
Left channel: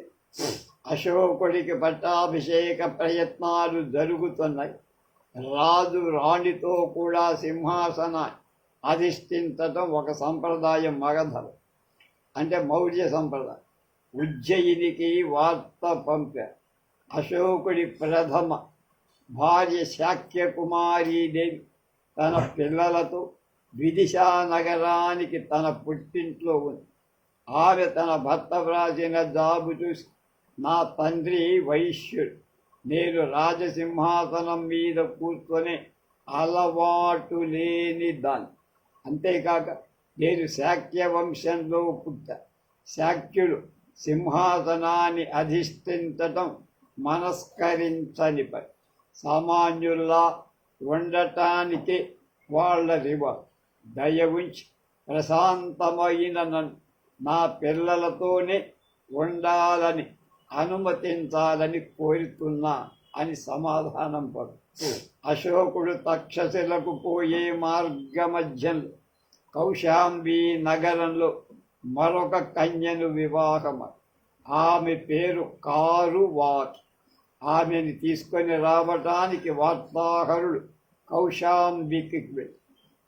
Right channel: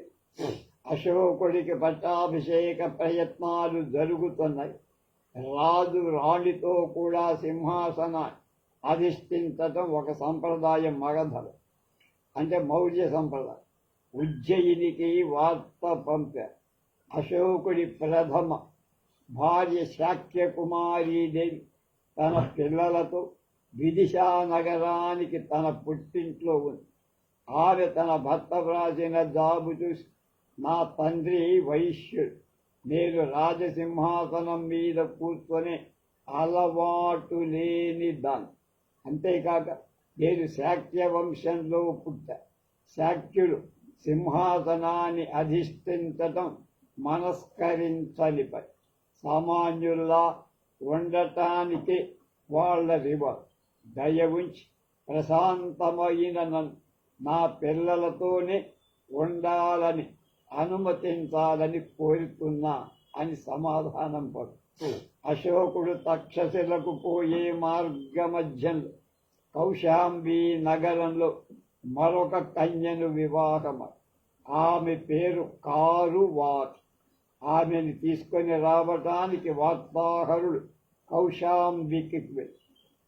అశోకుడికి పట్టాభిషేక ప్రయత్నాలు జరుగుతున్నాయి. రాజు రాణితో కూడా సింహాసనాన్ని అధిష్ఠించటం ఒక సంప్రదాయం మగధలో, అంటే మౌర్య సంప్రదాయం. ఉజ్జయినికి వార్త పంపారు. అశోకుడి ప్రథమ భార్య శాక్యకుమారీదేవి తన పిల్లలతో విదిశా నగరానికి తన పుట్టింట్లో ఉంది. ఆమె తన భర్త వ్రాసిన జాబు చూసి, నా తండ్రి వైశ్యుడు, నేను రాజసింహాసనం మీద కూర్చొని అలవాటు లేని దాన్ని, అంతేకాక నేను శాక్య వంశంలో పుట్టా. శాక్యుడు సింహాసనాన్ని అధిష్ఠించటం మనస్కరించని పని. సామాన్యుల్లా ఉండటానికి వాళ్ళ దయ ఉంచి ప్రశాంతమైన నన్ను నా పిల్లలతోనే ఉండాలని అనుమతించాలని కోరుతున్నా అని సమాధానం పడు. అశోకుడు తక్షశిలకు పోయే మార్గమధ్యంలో కౌశాంబి నగరంలో మరొక కన్యను వివాహం. ఆమె పేరు కారువాకి. ఆమెను తీసుకొని రావటానికి వార్తాహరుడు కౌశాంబికి వెళ్ళి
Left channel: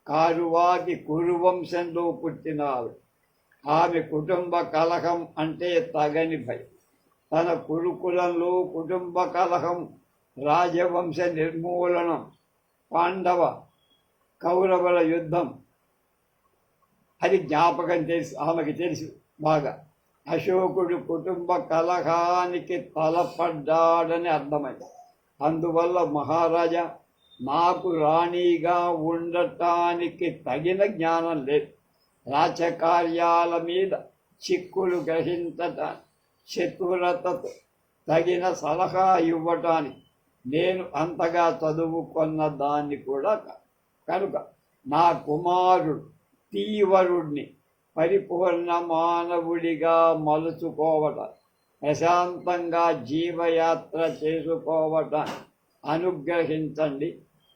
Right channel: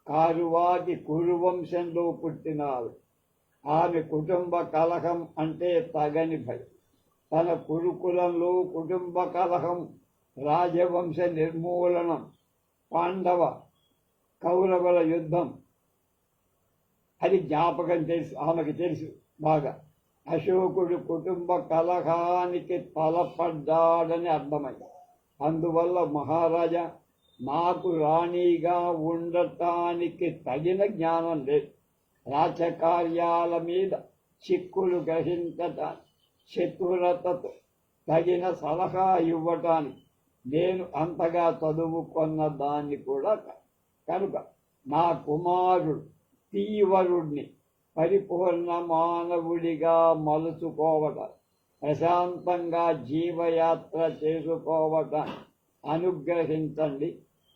కారువాకి కురువంశంలో పుట్టినాడు. ఆమె కుటుంబ కలహం అంటే తగని భయం. తన కురుకులంలో కుటుంబ కలహం, రాజవంశ నిర్మూలనం, పాండవ కౌరవుల యుద్ధం అది జ్ఞాపకం తెలుసు, ఆమెకి తెలుసు బాగా. అశోకుడు కుటుంబ కలహానికి తలపడ్డాడని అర్థమైంది. అందువల్ల మహారాజా, నాకు రాణిగా ఉండటానికి తగిన జ్ఞానం లేదు. రాజకార్యాల మీద చిక్కులు గ్రహించటానికి, చతురతతో తగిన సలహా ఇవ్వటానికి నేను అంతగా చదువుకున్న దాన్ని కూడా కనుక నా కుమారుడు తీవరుణ్ణి పరిపూర్ణ మానవుడిగా మలుచుకోవటం, ప్రశాంతంగా జీవయాత్ర చేసుకోవటాన్ని అనుగ్రహించండి,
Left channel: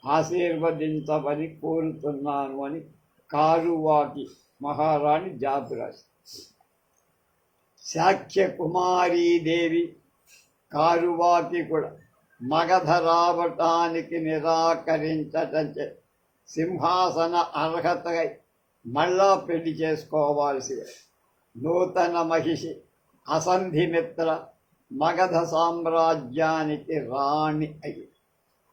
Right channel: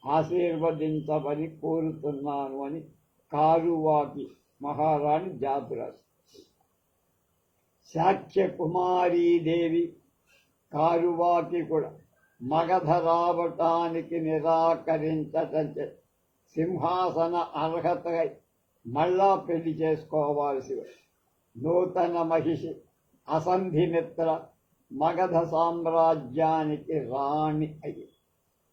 ఆశీర్వదించమని కోరుతున్నాను అని కారువాకి మహారాణి జాతురాశి. శాక్య కుమారీదేవి కారువాకి కూడా మగధ రావటానికి నిరాకరించటం సింహాసన అర్హతగా మళ్ళా పెళ్లి చేసుకోవాల్సి. నూతన మహిషి అసంధిమిత్ర మగధ సామ్రాజ్యానికి రాణి అయి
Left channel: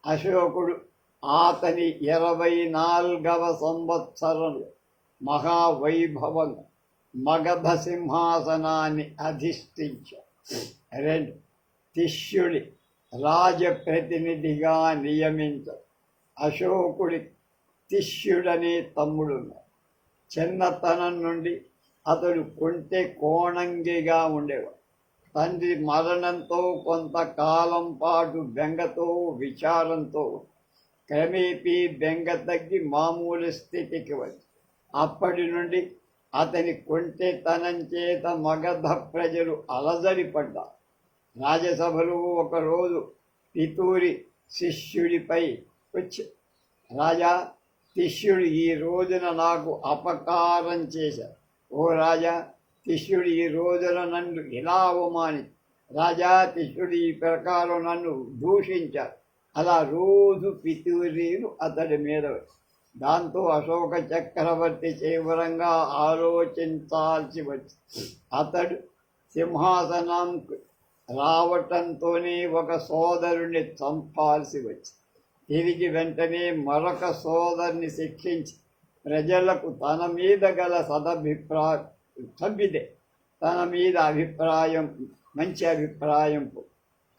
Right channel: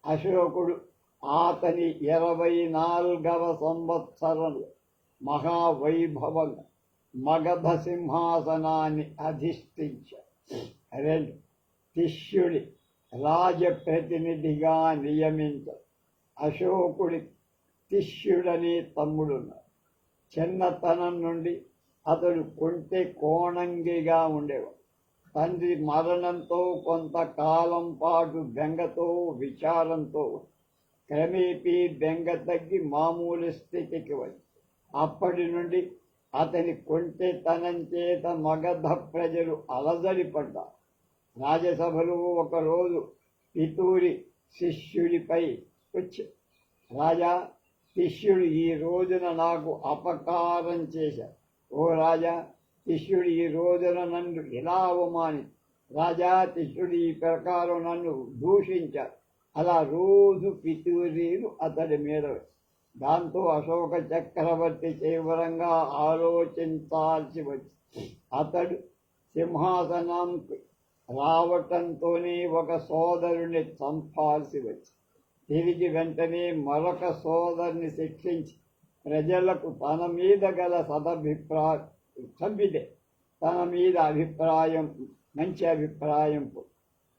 అశోకుడు అతని 24వ సంవత్సరంలో మహావైభవంగా మగధ సింహాసనాన్ని అధిష్ఠించాడు. 2 తిష్యుడి రాజప్రతినిధిగా నియమించాడు. అశోకుడి తిష్యుడనే తమ్ముడున్నాడు. చిన్నతనం నుండి అతడు కొంటె కోణంగిగా ఉండేవాడు. తండ్రి మరణంతో కొంతకాలం పాటు బెంగతో విచారంతో క్రమేపీ బెంగ తగ్గి మామూలు స్థితికి వచ్చి అప్పటి నుండి అతని కొంటెతనం చేత మగధ ప్రజలు అలజడిపడ్డారు. రాజసభలో ఒకరోజు పితూరి శిష్యుడిపై వచ్చి, రాజా, శిష్యుడు ఈ రోజున నాకు అపకారం చేశాడు. ఓ రాజా, శిష్యుడు ఈ రోజున నన్ను ఇలా అవమాని, రాజా, శిష్యుడు ఈ ప్రకారం నన్ను దూషించాడు. అలా రోజు పితూరీలు అతడి మీద. దాంతో అశోక చక్రవర్తి తీవ్రంగా ఆలోచించాల్సి వచ్చింది. అతడు సింహాసనం రావటంతోనే ఒక సోదరుని చంపాల్సి వచ్చింది. తిరిగి వెంటనే మరొక సోదరుని శిక్షించి ప్రజలకు తన మీద గల తన మీద మంచి అభిప్రాయం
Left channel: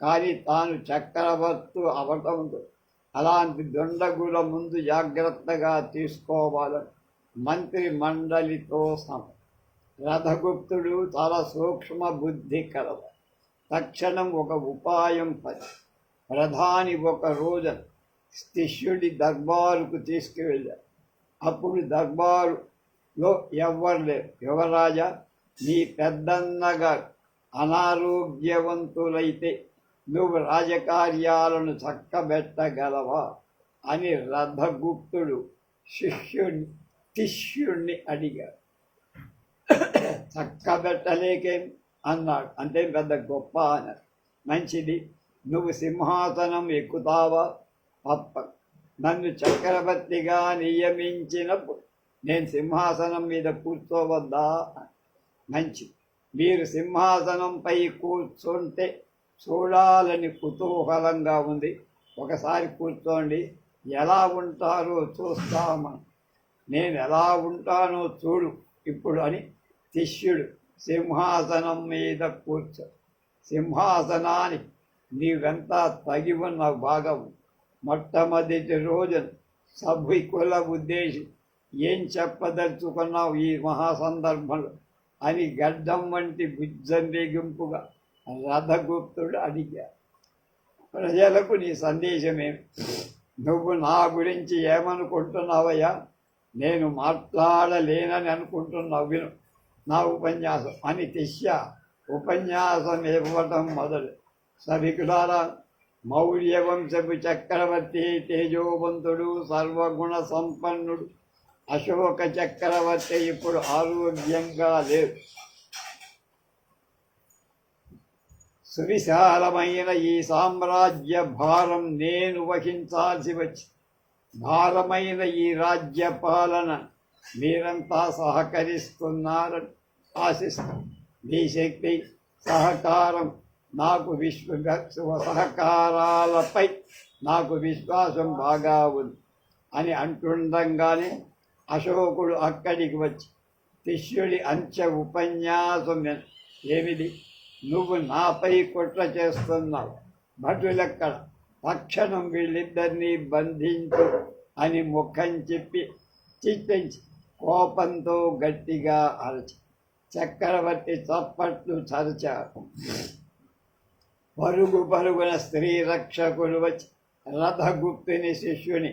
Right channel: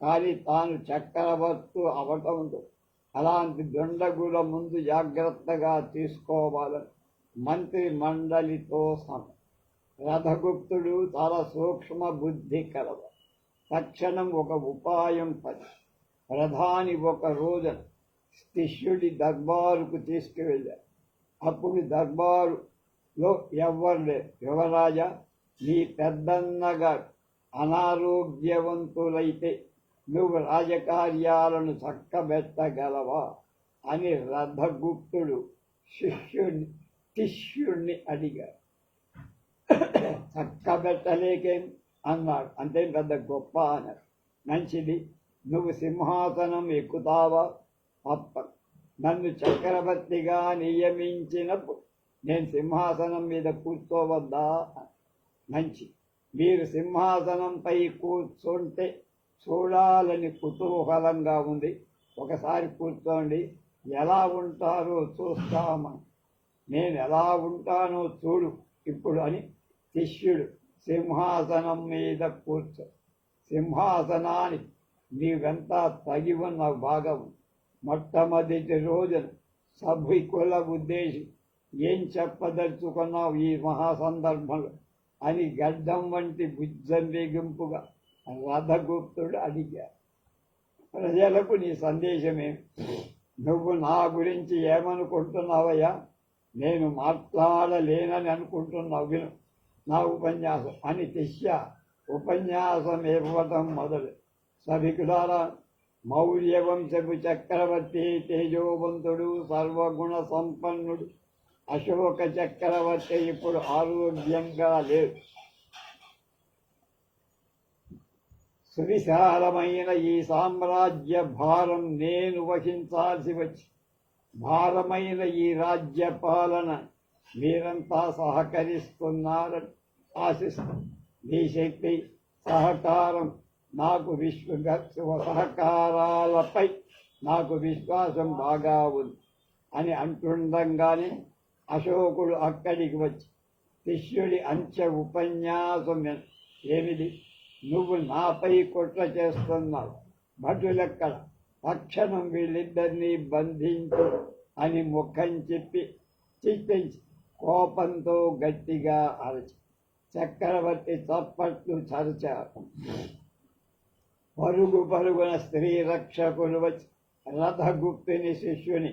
కానీ తాను చక్రవర్తి అవటంతో అలాంటి దొండగుల ముందు జాగ్రత్తగా తీసుకోవాలని మంత్రి మండలితో రథగుప్తుడు చాలా సూక్ష్మ బుద్ధి కలదు. తక్షణం ఒక ఉపాయం ప్రధాని ఒక రోజున శిష్యుడి దర్బారుకు తీసుకువెళ్ళారు. అప్పుడు దర్బారులో ఎవ్వరు లేరు. యువరాజా, నీ పెద్దన్నగారు అనారోగ్యవంతులైతే నువ్వు రాజకార్యాలను చక్కబెట్టగలవా అని రథగుప్తుడు శిష్యుడిని అడిగాడు. చక్కబెట్టలేకేం అన్నాడు. అంతే పెద్ద గొప్ప అన్నారు. మంచిది, నువ్వు సింహాసనం ఎక్కుతావా? నన్ను చక్రవర్తిగా నియమించినప్పుడు నేను సింహాసనం మీద కూర్చోవద్దా? మంచిది, మీరు సింహాసనంపై కూర్చుంటే చూడాలని కుతూహలంగా ఉంది. ఒకసారి కూర్చోండి, ఎలా ఉంటారో చూస్తామని. నేను ఎలా ఉంటానో చూడు ఇప్పుడు అని శిష్యుడు సింహాసనం మీద కూర్చో. సింహాసనానికి నీవెంతా తగి ఉన్న భాగం. మొట్టమొదటి రోజున సభికుల ఉద్దేశం ఏం చెప్పదలుచుకున్నావు ఈ మహాసందర్భంలో అని గడ్డం వంటి బుజ్జంబిగింపుగా రథగుప్తుడు అడిగాడు. ప్రజలకు నీ సందేశమేమి? నువ్వు నా గురించి ఏమనుకుంటున్నావయ్యా? నేను మాట్లాడలేనని అనుకుంటున్నావు, విను నా ఉపన్యాసం అని శిష్య ఉపన్యాసం ఇవ్వటం మొదలు. సభికులారా, మౌర్య వంశపు చక్రవర్తి, తేజోవంతుడు, సర్వగుణ సంపన్నుడు అశోక చక్రవర్తి ఇప్పుడు ఆరోగ్యంగా లేరు. సువిశాలమైన ఈ సామ్రాజ్య భారం నేను వహించాల్సి వచ్చి, భారమైన ఈ రాజ్య పాలన మీరంతా సహకరిస్తున్నారని ఆశిస్తాం. మీ శక్తి సహకారం నాకు సహకారాలపై నాకు విశ్వాసం బాగా ఉంది అని అంటుండగానే అశోకుడు అక్కడికి వచ్చి శిష్యుడి అంచె ఉపన్యాసం ఏమిది? నువ్వు నాపై కుట్ర చేస్తున్నావు, భటులెక్కడ, తక్షణం వీళ్ళిద్దరినీ బంధించు అని ముఖం చిట్టించి కోపంతో గట్టిగా అరచి చక్రవర్తి చప్పట్లు చరిచారు. పరుగున స్త్రీ రక్షకులు వచ్చి రథగుప్తుని శిష్యుణ్ణి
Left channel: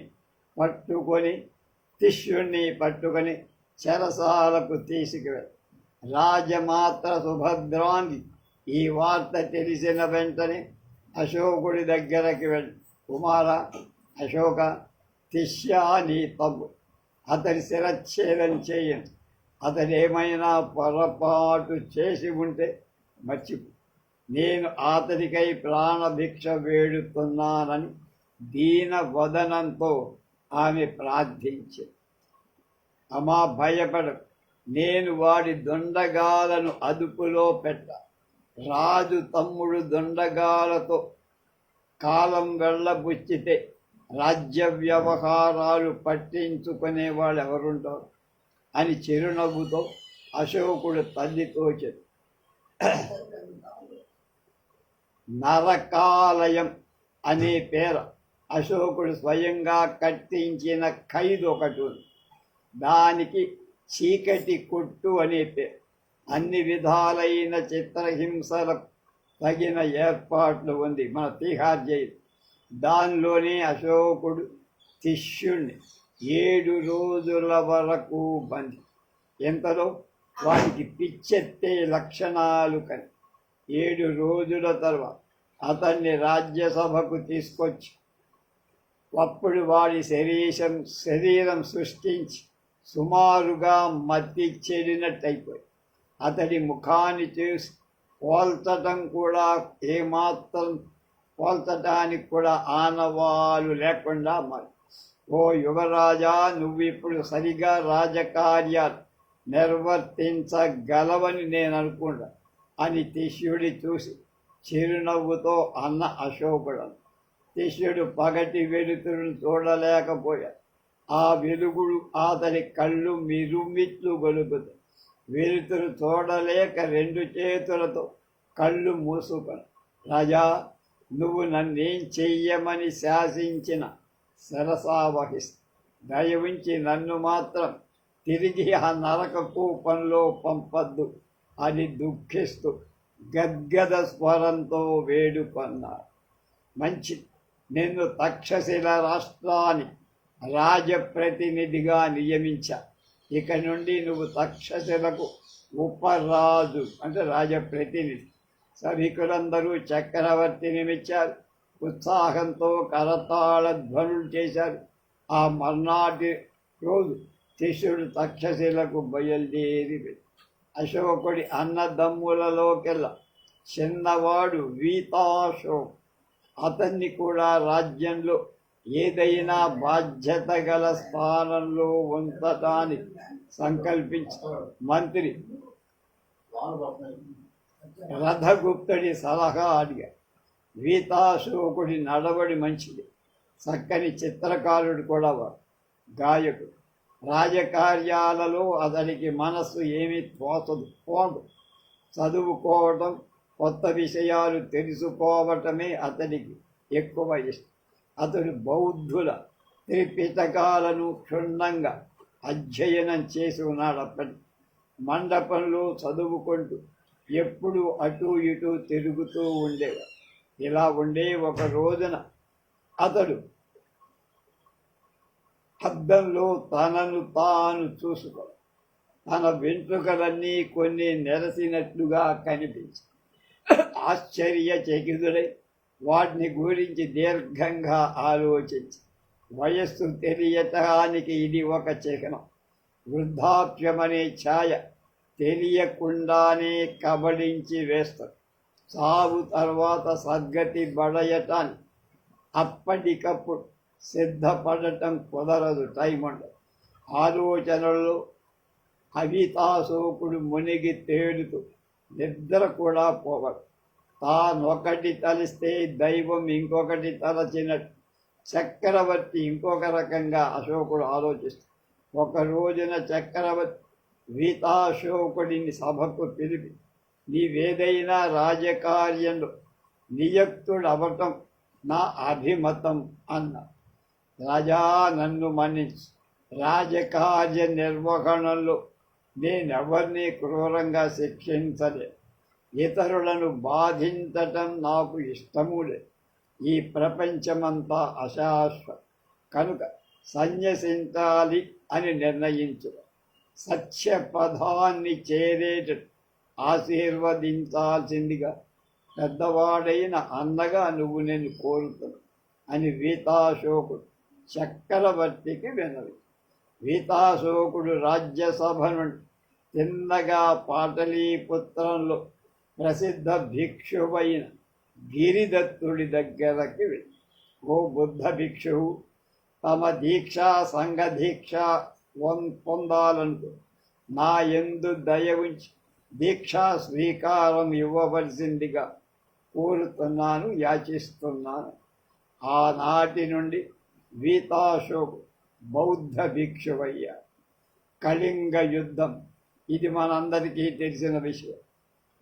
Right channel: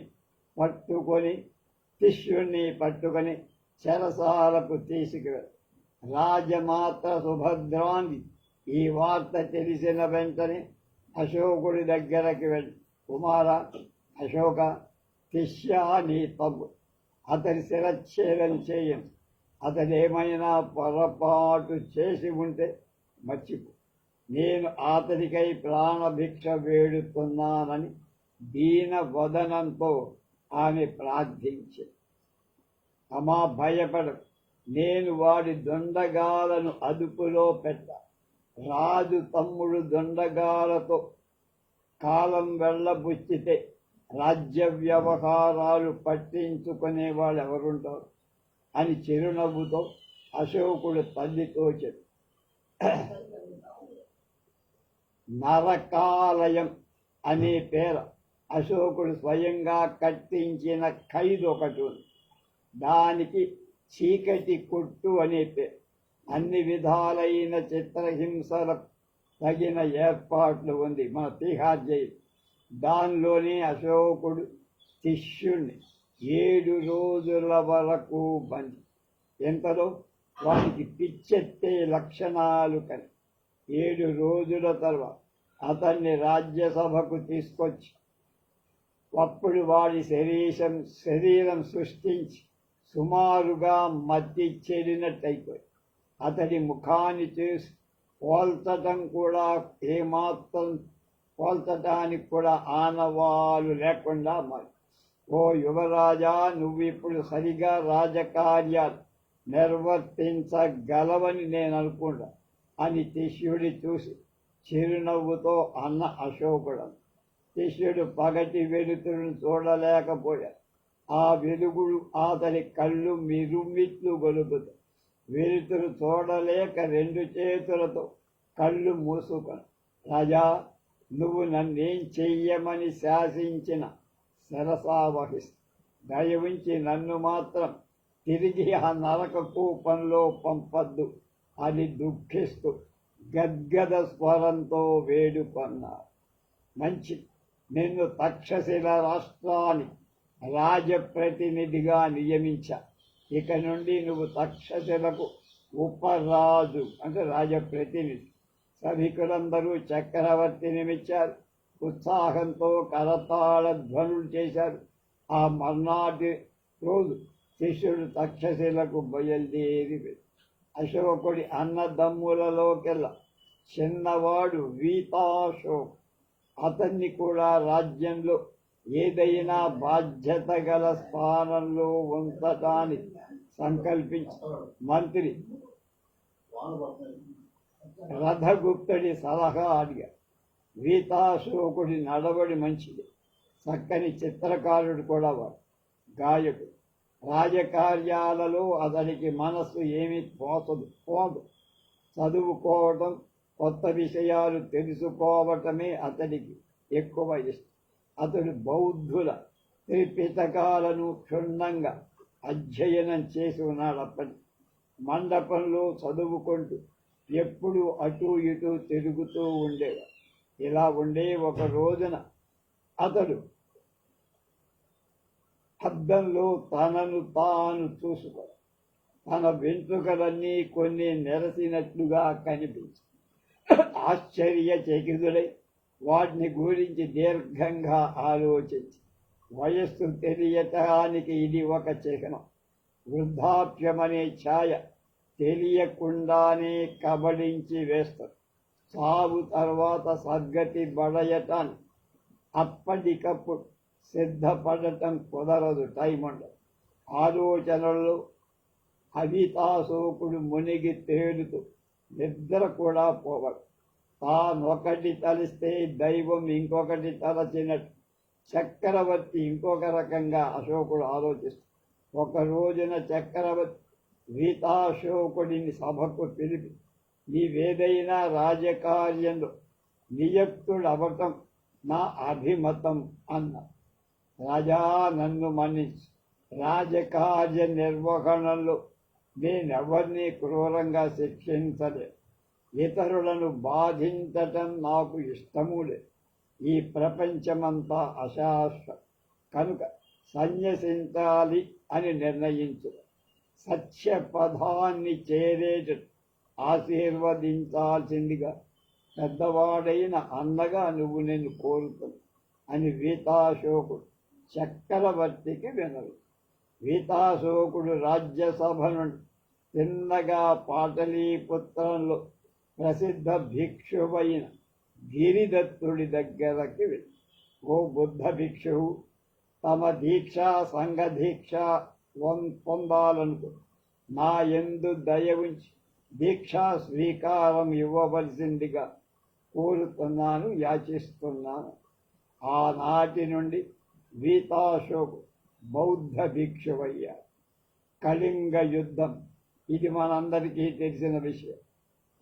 పట్టుకొని చెరసాలకు తీసుకువెళ్ళి రాజమాత్ర సుభద్రాంగి ఈ వార్త తెలిసిన వెంటనే అశోకుడి దగ్గరకి వెళ్ళి, కుమార అశోక, శిష్య నీ తమ్ము, అతని శిరచ్ఛేదం చేయండి. అతడేమైనా పొరపాటు చేసి ఉంటే మర్చిపో. నేను అతడికై ప్రాణభిక్ష వేడుతున్నానని దీన వదనంతో ఆమె ప్రార్థించింది. అమ్మా, భయపడు, నేను వాడి దొండగాలను అదుపులో పెట్ట. రాజు తమ్ముడు దొండగాలతో కాలం వెళ్ళబుచ్చితే రాజ్య వ్యవహారాలు పట్టించుకునే వాళ్ళు ఎవరుంటారు అని చిరునవ్వుతో అశోకుడు తల్లితో చెప్పి, నరకాలయం అనే పేరు అశోకుడు స్వయంగా కట్టించిన ఖైదు ఒకటి ఉంది. దానికి చీకటి కొట్టు అనే పేరు. అన్ని విధాలైన చిత్రహింసలకు తగిన ఏర్పాట్లు ఉంది మన తిహార్ జైలు. దానిలోనే అశోకుడు శిష్యుణ్ణి 7 రోజుల వరకు బంధి. ఎంతలో వాడికి పిచ్చెత్తే లక్షణాలు కని 7 రోజుల తర్వాత అతన్ని రాజ్యసభకు తీసుకొచ్చి అప్పుడు వాడి శరీరం సృష్టించి సుమారుగా మతి చెడినట్టయిపోయి అతడి ముఖాన్ని చూసి పోల్చటానికి కూడా ఆనవాలు లేకుండా మరి, ఓ యువరాజా, నువ్వు ఇప్పుడు సరిగా రాజకార్యాలు నిర్వర్తించగలవని నేను అనుకుంటా అని శిష్యుడి చూసి చిరునవ్వుతో అన్న అశోకుడు. శిష్యుడు పగటి వెలుతురును చూడలేకపోయాడు. ఆ వెలుగుడు అతని కళ్ళు మిరుమిట్లు గొలుపుతాయి. వెలుతురు చూడలేక 2 చేతులతో కళ్ళు మూసుకొని, రాజా, నువ్వు నన్నేం చెయ్యమని శాసించిన శిరసావహిస్తా, దయవుంచి నన్ను మాత్రం తిరిగి ఆ నరక కూపంలో పంపద్దు అని దుఃఖిస్తూ గద్గద స్వరంతో వేడుకొన్నారు. మంచి, నిన్ను తక్షశిల రాష్ట్రానికి రాజప్రతినిధిగా నియమించా. ఇక నుండి నువ్వు తక్షశిలకు ఉపరాజు, అంటే రాజప్రతినిధి. సభికులందరూ చక్రవర్తిని మెచ్చారు. ఉత్సాహంతో కరతాళ ధ్వనులు చేశారు. ఆ మర్నాటి రోజు శిష్యుడు తక్షశిలకు బయలుదేరి అశోకుడి అన్నదమ్ములలోకెల్లా చిన్నవాడు వీతాశోక్. అతన్ని కూడా రాజ్యంలో ఏదైనా బాధ్యత గల స్థానంలో ఉంచటానికి సంకల్పించి మంత్రి రథగుప్తుడి సలహా అడిగాడు. వీతాశోకుడి నడవడి మంచిది, చక్కని చిత్రకారుడు కూడా వాడు, గాయకుడు. రాజకార్యాలలో అతనికి మనస్సు ఏమీ పోదు. చదువుకోవటం, కొత్త విషయాలు తెలుసుకోవటమే అతనికి ఎక్కువ ఇష్టం. అతడు బౌద్ధుల త్రిపిటకాలను క్షుణ్ణంగా అధ్యయనం చేసి ఉన్నాడు. అప్పటి మండపంలో చదువుకుంటూ ఎప్పుడూ అటూ ఇటూ తిరుగుతూ ఉండేవాడు. ఇలా ఉండే ఒక రోజున అతడు అద్దంలో తనను తాను చూసుకో తన వెంట్రుకలన్నీ కొన్ని నెరసినట్లుగా కనిపించి ఆశ్చర్యచకితుడై వాటిని గురించి దీర్ఘంగా ఆలోచించి వయస్సు తెలియటానికి ఇది ఒక చిహ్నం, వృద్ధాప్యమనే ఛాయ తెలియకుండానే కబళించి వేస్తారు. సాగు తర్వాత సద్గతి బడయటాన్ని అప్పటికప్పుడు సిద్ధపడటం కుదరదు, టైం ఉండదు. ఆలోచనల్లో అవితాశోకుడు మునిగి తేలుతూ నిద్ర కూడా పోవడు. తానొకటి తలిస్తే దైవం ఇంకొకటి తలచినట్టు చక్రవర్తి ఇంకొక రకంగా అశోకుడు ఆలోచిస్తాడు. ఒక రోజున చక్రవర్తి వీతాశోకుడిని సభకు పిలిపి, నీవేదైనా రాజకార్యంలో నియుక్తుడవటం నా అభిమతం అన్న. రాజా, నన్ను మన్నించు. రాజకార్య నిర్వహణలో నేనెవరిని క్రూరంగా శిక్షించలే. ఇతరులను బాధించటం నాకు ఇష్టము లేదు. ఈ ప్రపంచమంతా అశాశ్వతం కనుక సన్యసించాలి అని నిర్ణయించు. సత్యపదాన్ని చేరేటట్టు ఆశీర్వదించాల్సిందిగా పెద్దవాడైన అన్నగా నువ్వు నేను కోరుతున్నా అని వీతాశోకుడు చక్రవర్తికి వినవి. వీతాశోకుడు రాజ్యసభ నుండి తిన్నగా పాటలీపుత్రంలో ప్రసిద్ధ భిక్షువైన గిరిదత్తుడి దగ్గరకి వెళ్ళి, ఓ బుద్ధ భిక్షువు, తమ దీక్ష సంఘ దీక్ష పొందాలనుకో నా యందు దయ ఉంచి దీక్షా స్వీకారం ఇవ్వవలసిందిగా కోరుతున్నాను, యాచిస్తున్నాను. ఆనాటి నుండి వీతాశోకు బౌద్ధ భిక్షువయ్యారు. కళింగ యుద్ధం, ఇది మనందరికీ తెలిసిన విషయం.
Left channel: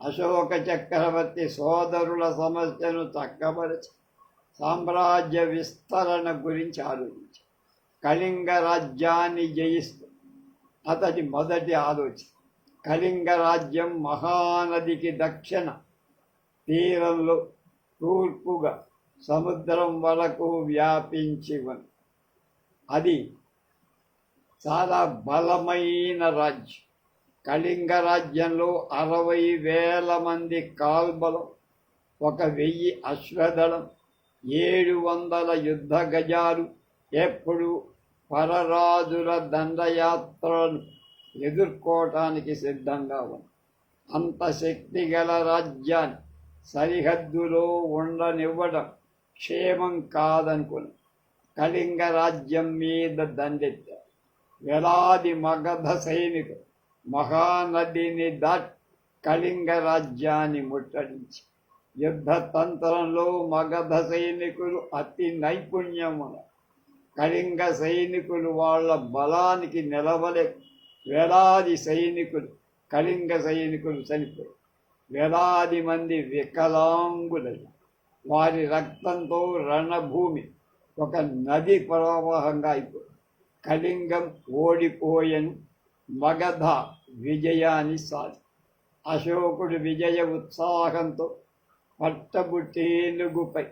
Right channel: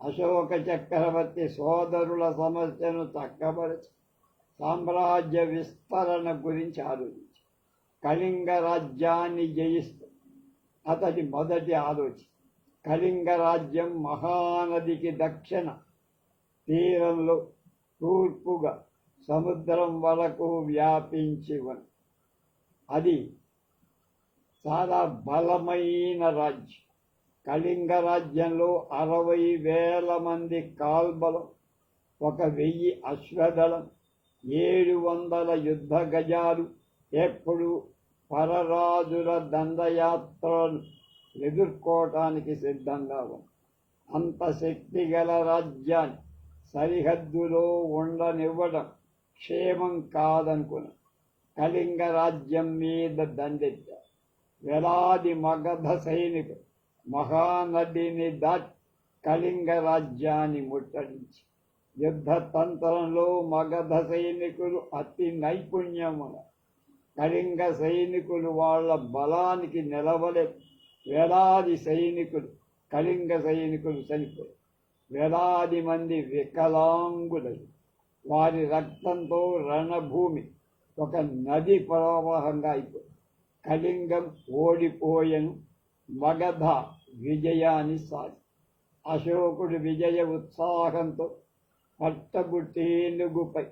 అశోక చక్రవర్తి సోదరుల సమస్యను చక్కబరచి సామ్రాజ్య విస్తరణ గురించి ఆలోచించి కళింగ రాజ్యాన్ని జయిస్తూ అతడి మొదటి ఆలోచన కళింగ రాజ్యం మహానదికి దక్షిణ తీరంలో తూర్పుగా సముద్రం వరకు వ్యాపించి ఉంది. అది చాలా బలమైన రాజ్యం. కళింగ రాజ్యంలో 60,000 మంది కాల్బలం, 1,000 అశ్వదళం, 700 యుద్ధ గజాలు ఎప్పుడు పరరాజుల దండయాత్రను ఎదుర్కోవటానికి సిద్ధంగా ఉంది. అంత శక్తి గల రాజ్యాన్ని సరిహద్దులో ఉండనివ్వడం క్షేమం కాదనుకుని కళింగ రాజ్యం మీద దండెత్తారు. వేలాది మగధ సైనికులు మహానదిని దాటి కళింగ రాజ్యాన్ని ముట్టడించి యుద్ధ తంత్రంలో మగధ సైనికులు అతి నైపుణ్యమున కళింగ సైనికులు వాళ్ళ బలానికి నిలవలే. వేలాది సైనికులు కళింగ సైనికులు చనిపోయి వేలాది మంది వికలాంగులై వారి రక్తంతో రణభూమి ఒక నది ప్రవాహంగా అయిపోయింది. కళింగం ఓడిపోయను, మగధ విజయాన్ని సాధి. అశోకుడు విజయ ఉత్సాహంతో పట్టబుట్టేనుగుపై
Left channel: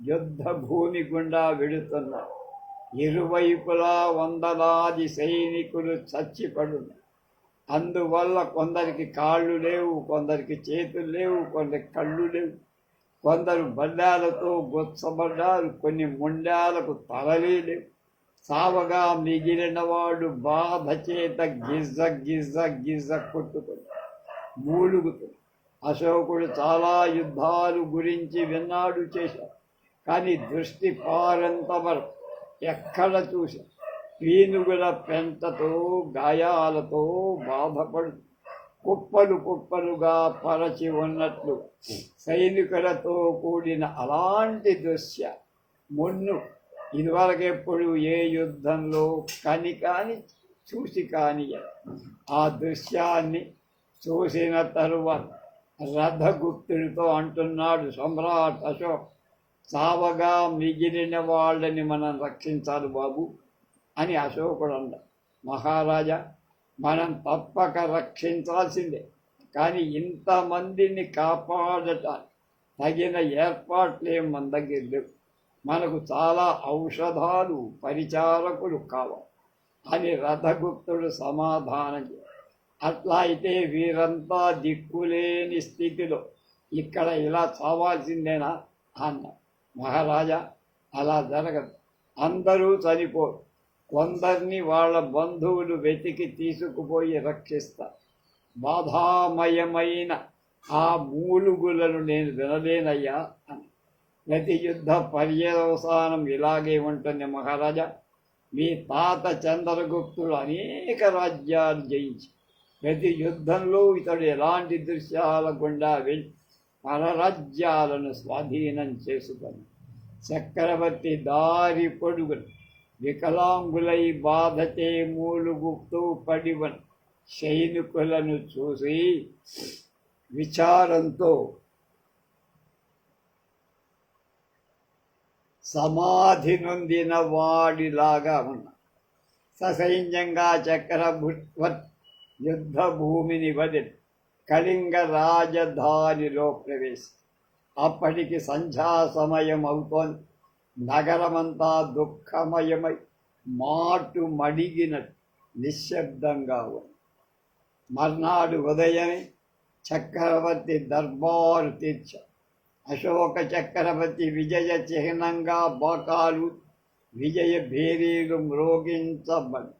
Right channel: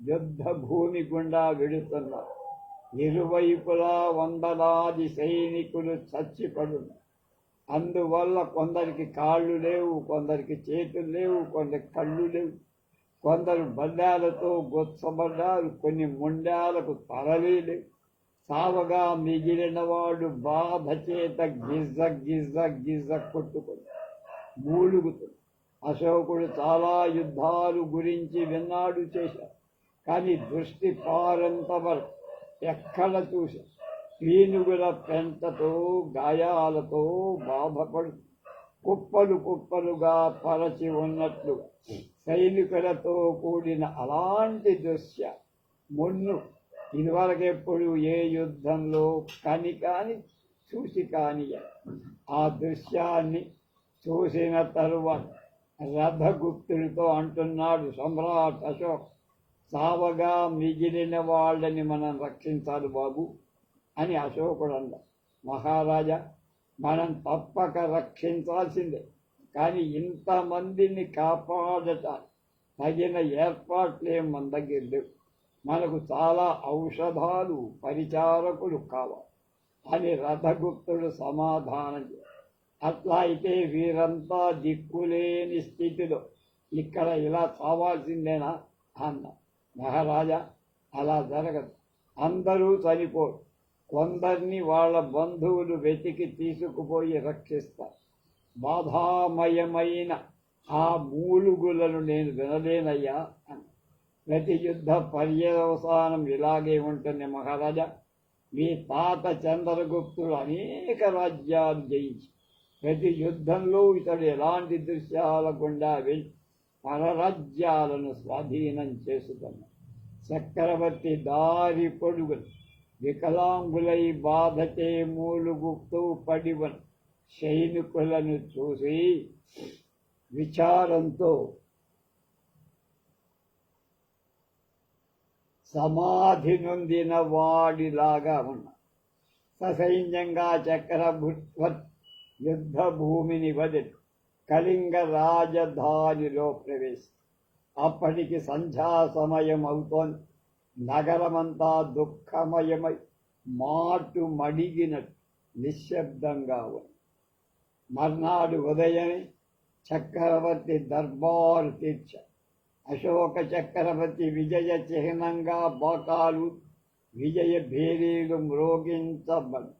యుద్ధ భూమి గుండా వెడుతున్నారు. ఇరువైపులా వందలాది సైనికులు చచ్చిపడున్నారు. అందువల్ల కొందరికి కాళ్ళు లేవు, కొందరికి చేతులు లేవు, కొందరికి కళ్ళు లేవు, కొందరు బల్లాలతో గొచ్చబడ్డారు, కొన్ని ముండాలకు తలలే లేవు. సావగా మిగిలిన వాడు బాధ చేత గిజ్జ గిజ్జ గిజ్జ కొట్టుకొని మూలుగుతుంది. అశోకుడు చాలా యుద్ధాలు గురించి విన్నాడు, చేశాడు. కానీ దృష్టి పారంత వరకు ఎక్కడ చూసా పీనుగుల పెంటతో గాయాలతో బాధపడు కుప్పలు కుప్పలుగా పరచి ఉన్నట్లు సైనికులతో కూడిన అలాంటి దృశ్య మున్ను ఇదివరకెప్పుడు ఏ యుద్ధంలో కాని చూసి కాని. ఆ దృశ్యాన్ని చూసిన తరువాత రథగుప్తుడితో అంటున్నాడు సమ్రాట్ అశోక్, సావగా మిగిలిన వాళ్ళని మనం రక్షించాలి బాబు అని అశోకుడు అన్నాడు. మహారాజా, మనం తప్పక రక్షించాల్సిందే, కానీ ఇంతమందిని కాపాడటానికి తగిన ఏర్పాట్లేం మన దగ్గర లేవు. మనకు చాలా ఔషధాలు పరిచారకులు కావాలి అని రథగుప్తుడు సమాధానం చేశాడు. అట్లా అయితే వీరంతా దిక్కులేని స్థితిలో ఇక్కడ ఇలా చావాల్సిందేనా అన్న. మహారాజా, అలా జరగదు. అందరూ చనిపోరు. కొందరిని వాళ్ళ బంధువులు వెతికి తీసుకుపోయి రక్షిస్తారు. బాధామయమైన ఆ మూలుగులను నేను వినలేనయ్యా అని. ప్రతి యుద్ధ పర్యవసానం ఇలాగే ఉంటుంది మహారాజా. మీ తాత చంద్రగుప్తుడు అనేక రాజ్యాలు జయించి ప్రతి యుద్ధంలో ఇతడు ఎలాంటి దృశ్యాల గుండా వెళ్ళి పరరాజ్యాలను స్వాధీనం చేసుకున్నాడు. చక్రవర్తి దారి పొడుగులు వికలాంగులై బాధచే మూలుగుతూ పడివన సైనికులను చూసి విచారంతో సమాధి నొందిన వాడిలాగా ఉన్న ససైన్యంగా చక్రవర్తి యుద్ధ భూమిని వదిలి కళింగ రాజధానిలో ప్రవేశించి అప్పటికి సంధ్యా సమయం అవుతోంది. నగరమంతా దుఃఖమయమై మాటు మడిగినట్టు నిశ్శబ్దంగా ఉంది. మర్నాడు ఉదయమే చక్రవర్తి దర్బారు తీర్చారు. అశోక చక్రవర్తి విజయ చిహ్నంగా బాకాలు విజయ భేరీలు మ్రోగించబడి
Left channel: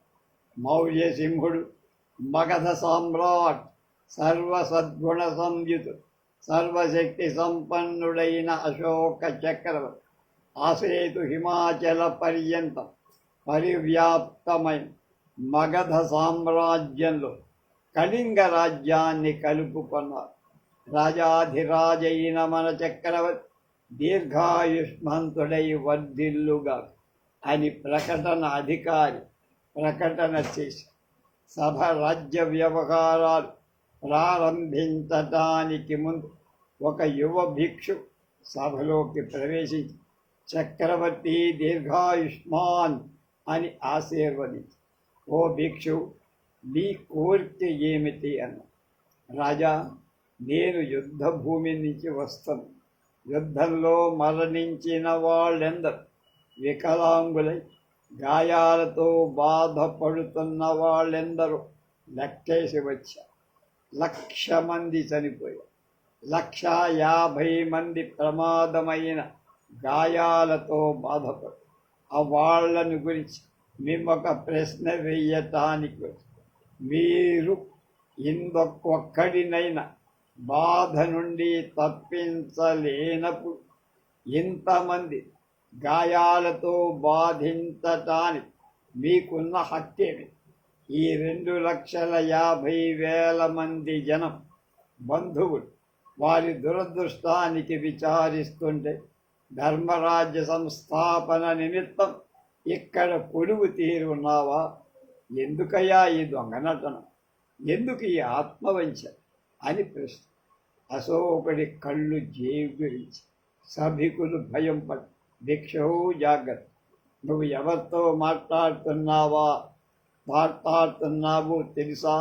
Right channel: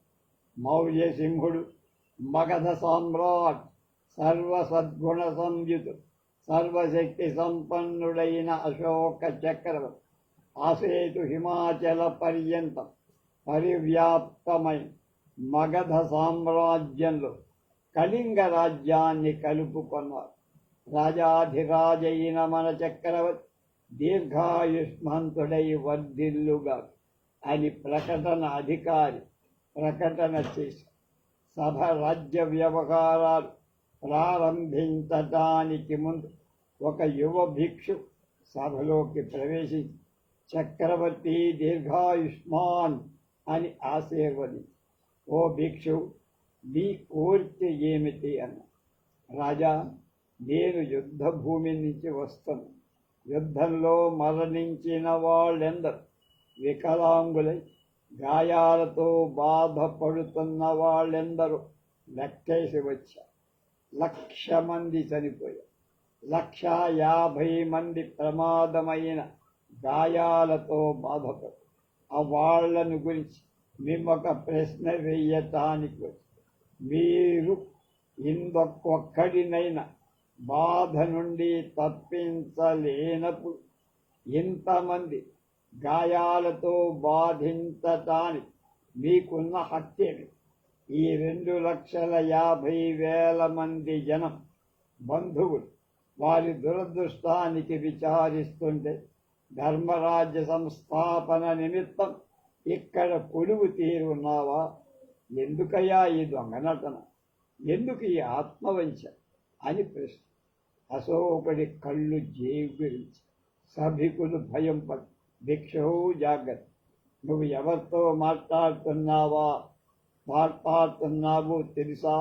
మౌర్య సింహుడు మగధ సామ్రాట్ సర్వసద్గుణ సంయుతుడు సర్వశక్తి సంపన్నుడైన అశోక చక్రవర్తి ఆసేతు హిమాచల పర్యంతం పరివ్యాప్తమైన మగధ సామ్రాజ్యంలో కళింగ రాజ్యాన్ని కలుపుకున్నారు. రాజాధిరాజైన మన చక్రవర్తి దీర్ఘాయుష్మంతుడై వర్ధిల్లుగా అని అధికారి ప్రకటన చేసి సభ రాజ్య వ్యవహారాలు ప్రారంభించటానికి ముందు ఒక యువ భిక్షు సభలోకి ప్రవేశించి చక్రవర్తి దీర్ఘాయుష్మాన్ అని ఆశీర్వదించి, ఓ భిక్షు, నీ కోరిక ఏమిటి అన్న. రాజా, నేను యుద్ధ భూమి నుంచి వస్తాను. యుద్ధంలో మరణించిన వాళ్ళెందరూ వికలాంగులై గాయాలతో బాధపడుతున్న వాళ్ళెందరూ లెక్కేసి వచ్చారు. 1,00,000 మంది చనిపోయారు. 1,50,000 మంది ప్రమాదమైన గాయాలతో బాధపడు. ఆ వాళ్ళను గురించి మిమ్మొక ప్రశ్న వేయటానికి వచ్చి, మీరు ఇంకొక్కడినైనా బాధ నుండి తప్పించలేనప్పుడు ఇంతమంది గాయాలతో బాధించటానికి మీకున్న హక్కేమి? ఈ 2,50,000 మంది జనం బంధువులు వారి దురదృష్టానికి విచారిస్తుంటే ధర్మరాజ్య సంస్థాపన నిమిత్తం ఇక్కడ కొలువు తీరి ఉన్నావా? ఎందుకయ్యా ఈ దొంగనటన? ఎందుకు ఈ ఆత్మవంచ అని ప్రశ్న. అశోకుడి కళ్ళు జేగురించి సభికులు భయం పడి, భిక్షు జాగ్రత్త, నువ్వు ఎవరితో మాట్లాడుతున్నావో తెలుసా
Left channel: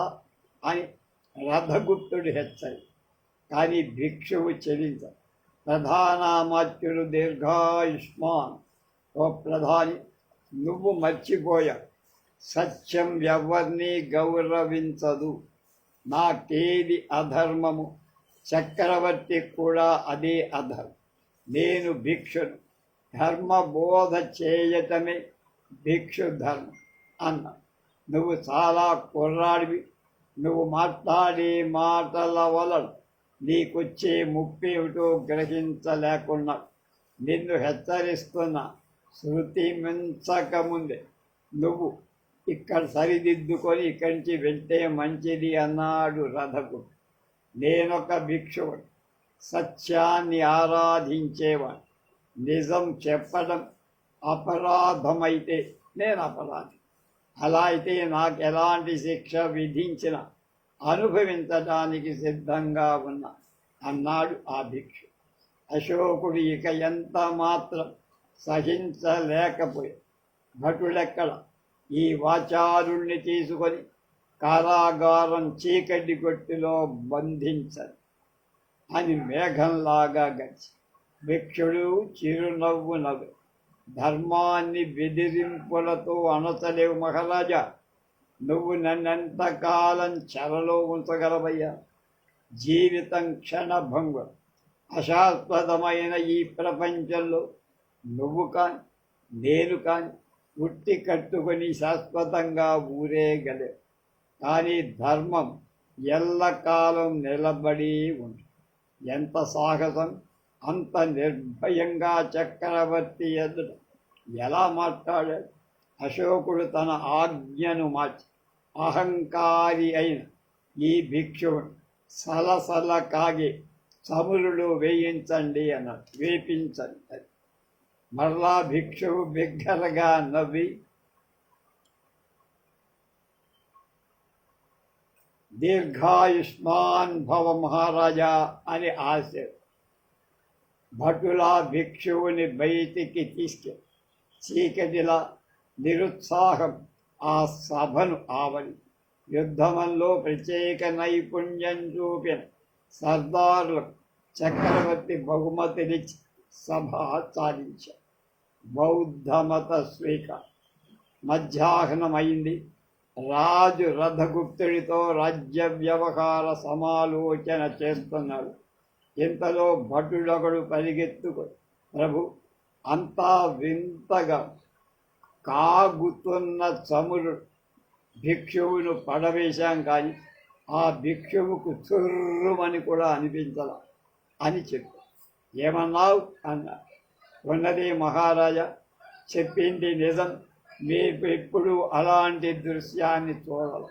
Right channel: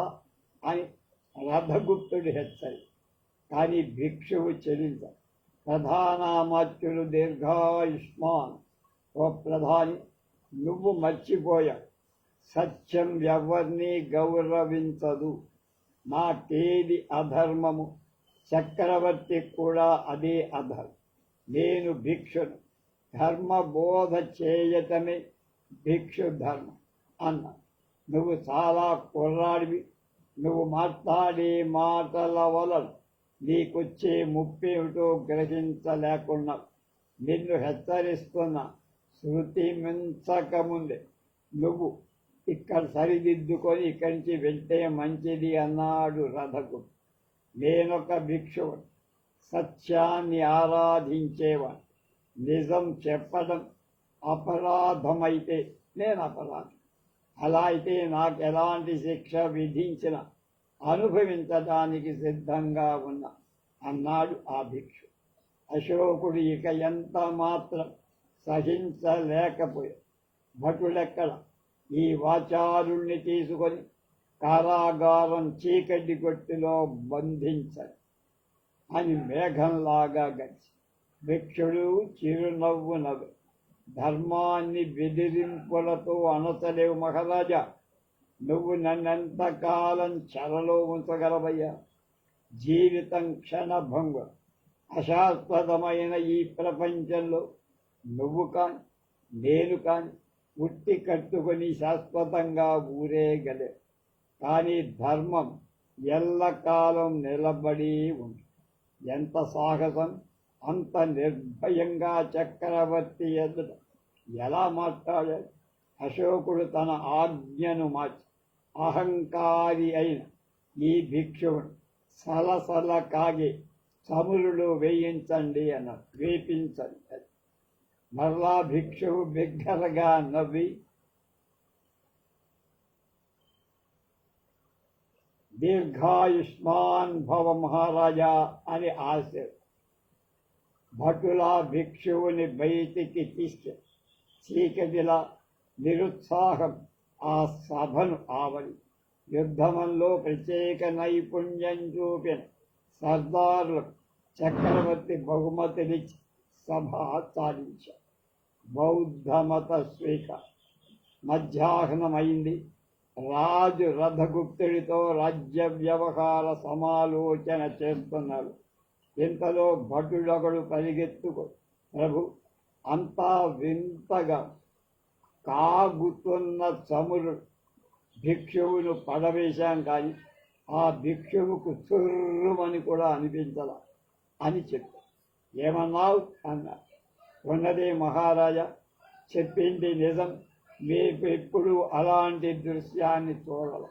అని రథగుప్తుడు హెచ్చరి. కానీ భిక్షువు చెలించ. ప్రధానామాత్యుడు దీర్ఘాయుష్మాన్, ఓ ప్రధాని, నువ్వు మర్చిపోయా, సత్యం ఎవరిని గౌరవించదు. నాకేది అధర్మము, చక్రవర్తి కూడా అదే అధర్మం. నేను భిక్షును, ధర్మబోధ చేయటమే భిక్షు ధర్మం అన్న. నువ్వు చాలా కుర్రాడివి. నువ్వు మాట్లాడే మాటల వలన నీకొచ్చే ముప్పేమిటో గ్రహించలేకున్నా నిన్ను హెచ్చరిస్తున్న శృతి మించకముందే నువ్వు ఇక్కడ సరిదిద్దుకొని ఇక్కడి నుంచి వెళ్తే మంచిది అన్నాడు రథకు. నేనొక భిక్షువు, సత్యాన్ని ఆరాధించేవాడు. నిజం చెప్పడం అపరాధమైతే నేను అపరాధి. అలా అయితే నాకు ఎలాంటి శిక్ష విధించినా అనుభవించడానికి సిద్ధంగా ఉన్నా అన్నాడు ఆ భిక్షు. అశోకుడు ఇక ఎంత మాత్రం సహించలేకపోయాడు. భటులెక్కడ ఈ వాచారుణ్ణి తీసుకొని కారాగారం చీకటి కొట్టులో బంధించారు. అని మేఘంలాగా గడిచి భిక్షుడు చిరునవ్వు నవ్వు. ధర్మాన్ని బెదిరింపులతో అణచలేవు మహారాజా. నువ్వు నన్నెంతకాలం చెరలో ఉంచగలవయ్యా? జీవితం క్షణభంగురం. అశాశ్వతమైన ఈ ప్రపంచంలో నువ్వు కాని నేను కాని ఉట్టి కట్టుకొని శాశ్వతంగా ఊరేగలే. కానీ ధర్మం ఎల్లకాలం నిలబడి ఉంటుంది. ఎంత సాహసం! అంత నిర్భయంగా చక్రవర్తి ఎదుట ఎలా మాట్లాడాడు? అశోకుడు తన ఆజ్ఞను మార్చి అహంకారి అయిన ఈ భిక్షువును సలసల కాగి చమురులో వేయించండి అన్నాడు. వేపించండి. మరలా భిక్షువు బిగ్గరగా నవ్వి, దీర్ఘాయుష్మాన్ భవ మహారాజా అని ఆశ. భటులా భిక్షువుని బయటికి తీసుకెళ్ళి చీకటిలా నిరుత్సాహం ఆ సభను ఆవరి. యుద్ధంలో ప్రత్యేక నైపుణ్యం చూపిన సర్దారులకు చక్రవర్తి బహుమతినిచ్చి సభ సాధించారు. బౌద్ధ మత స్వీకారం. మధ్యాహ్నమైంది. రాజు రథగుప్తుడితో రాజ్య వ్యవహార సమాలోచన చేస్తున్నాడు. ఇంతలో భటుడొకడు పరిగెత్తుకొని, ప్రభు, అంతా వింతగా కాగుతున్న చమురు భిక్షువును పడవేశాం, కానీ ఆ భిక్షువుకు చుర్రుమని కూడా అనిపించలా అని చెప్పాడు. ఏమన్నావు అన్నా. ఉన్నదే మహారాజా, చెప్పింది నిజం. మీకు ఎప్పుడు అలాంటి దృశ్యాన్ని చూడాలి.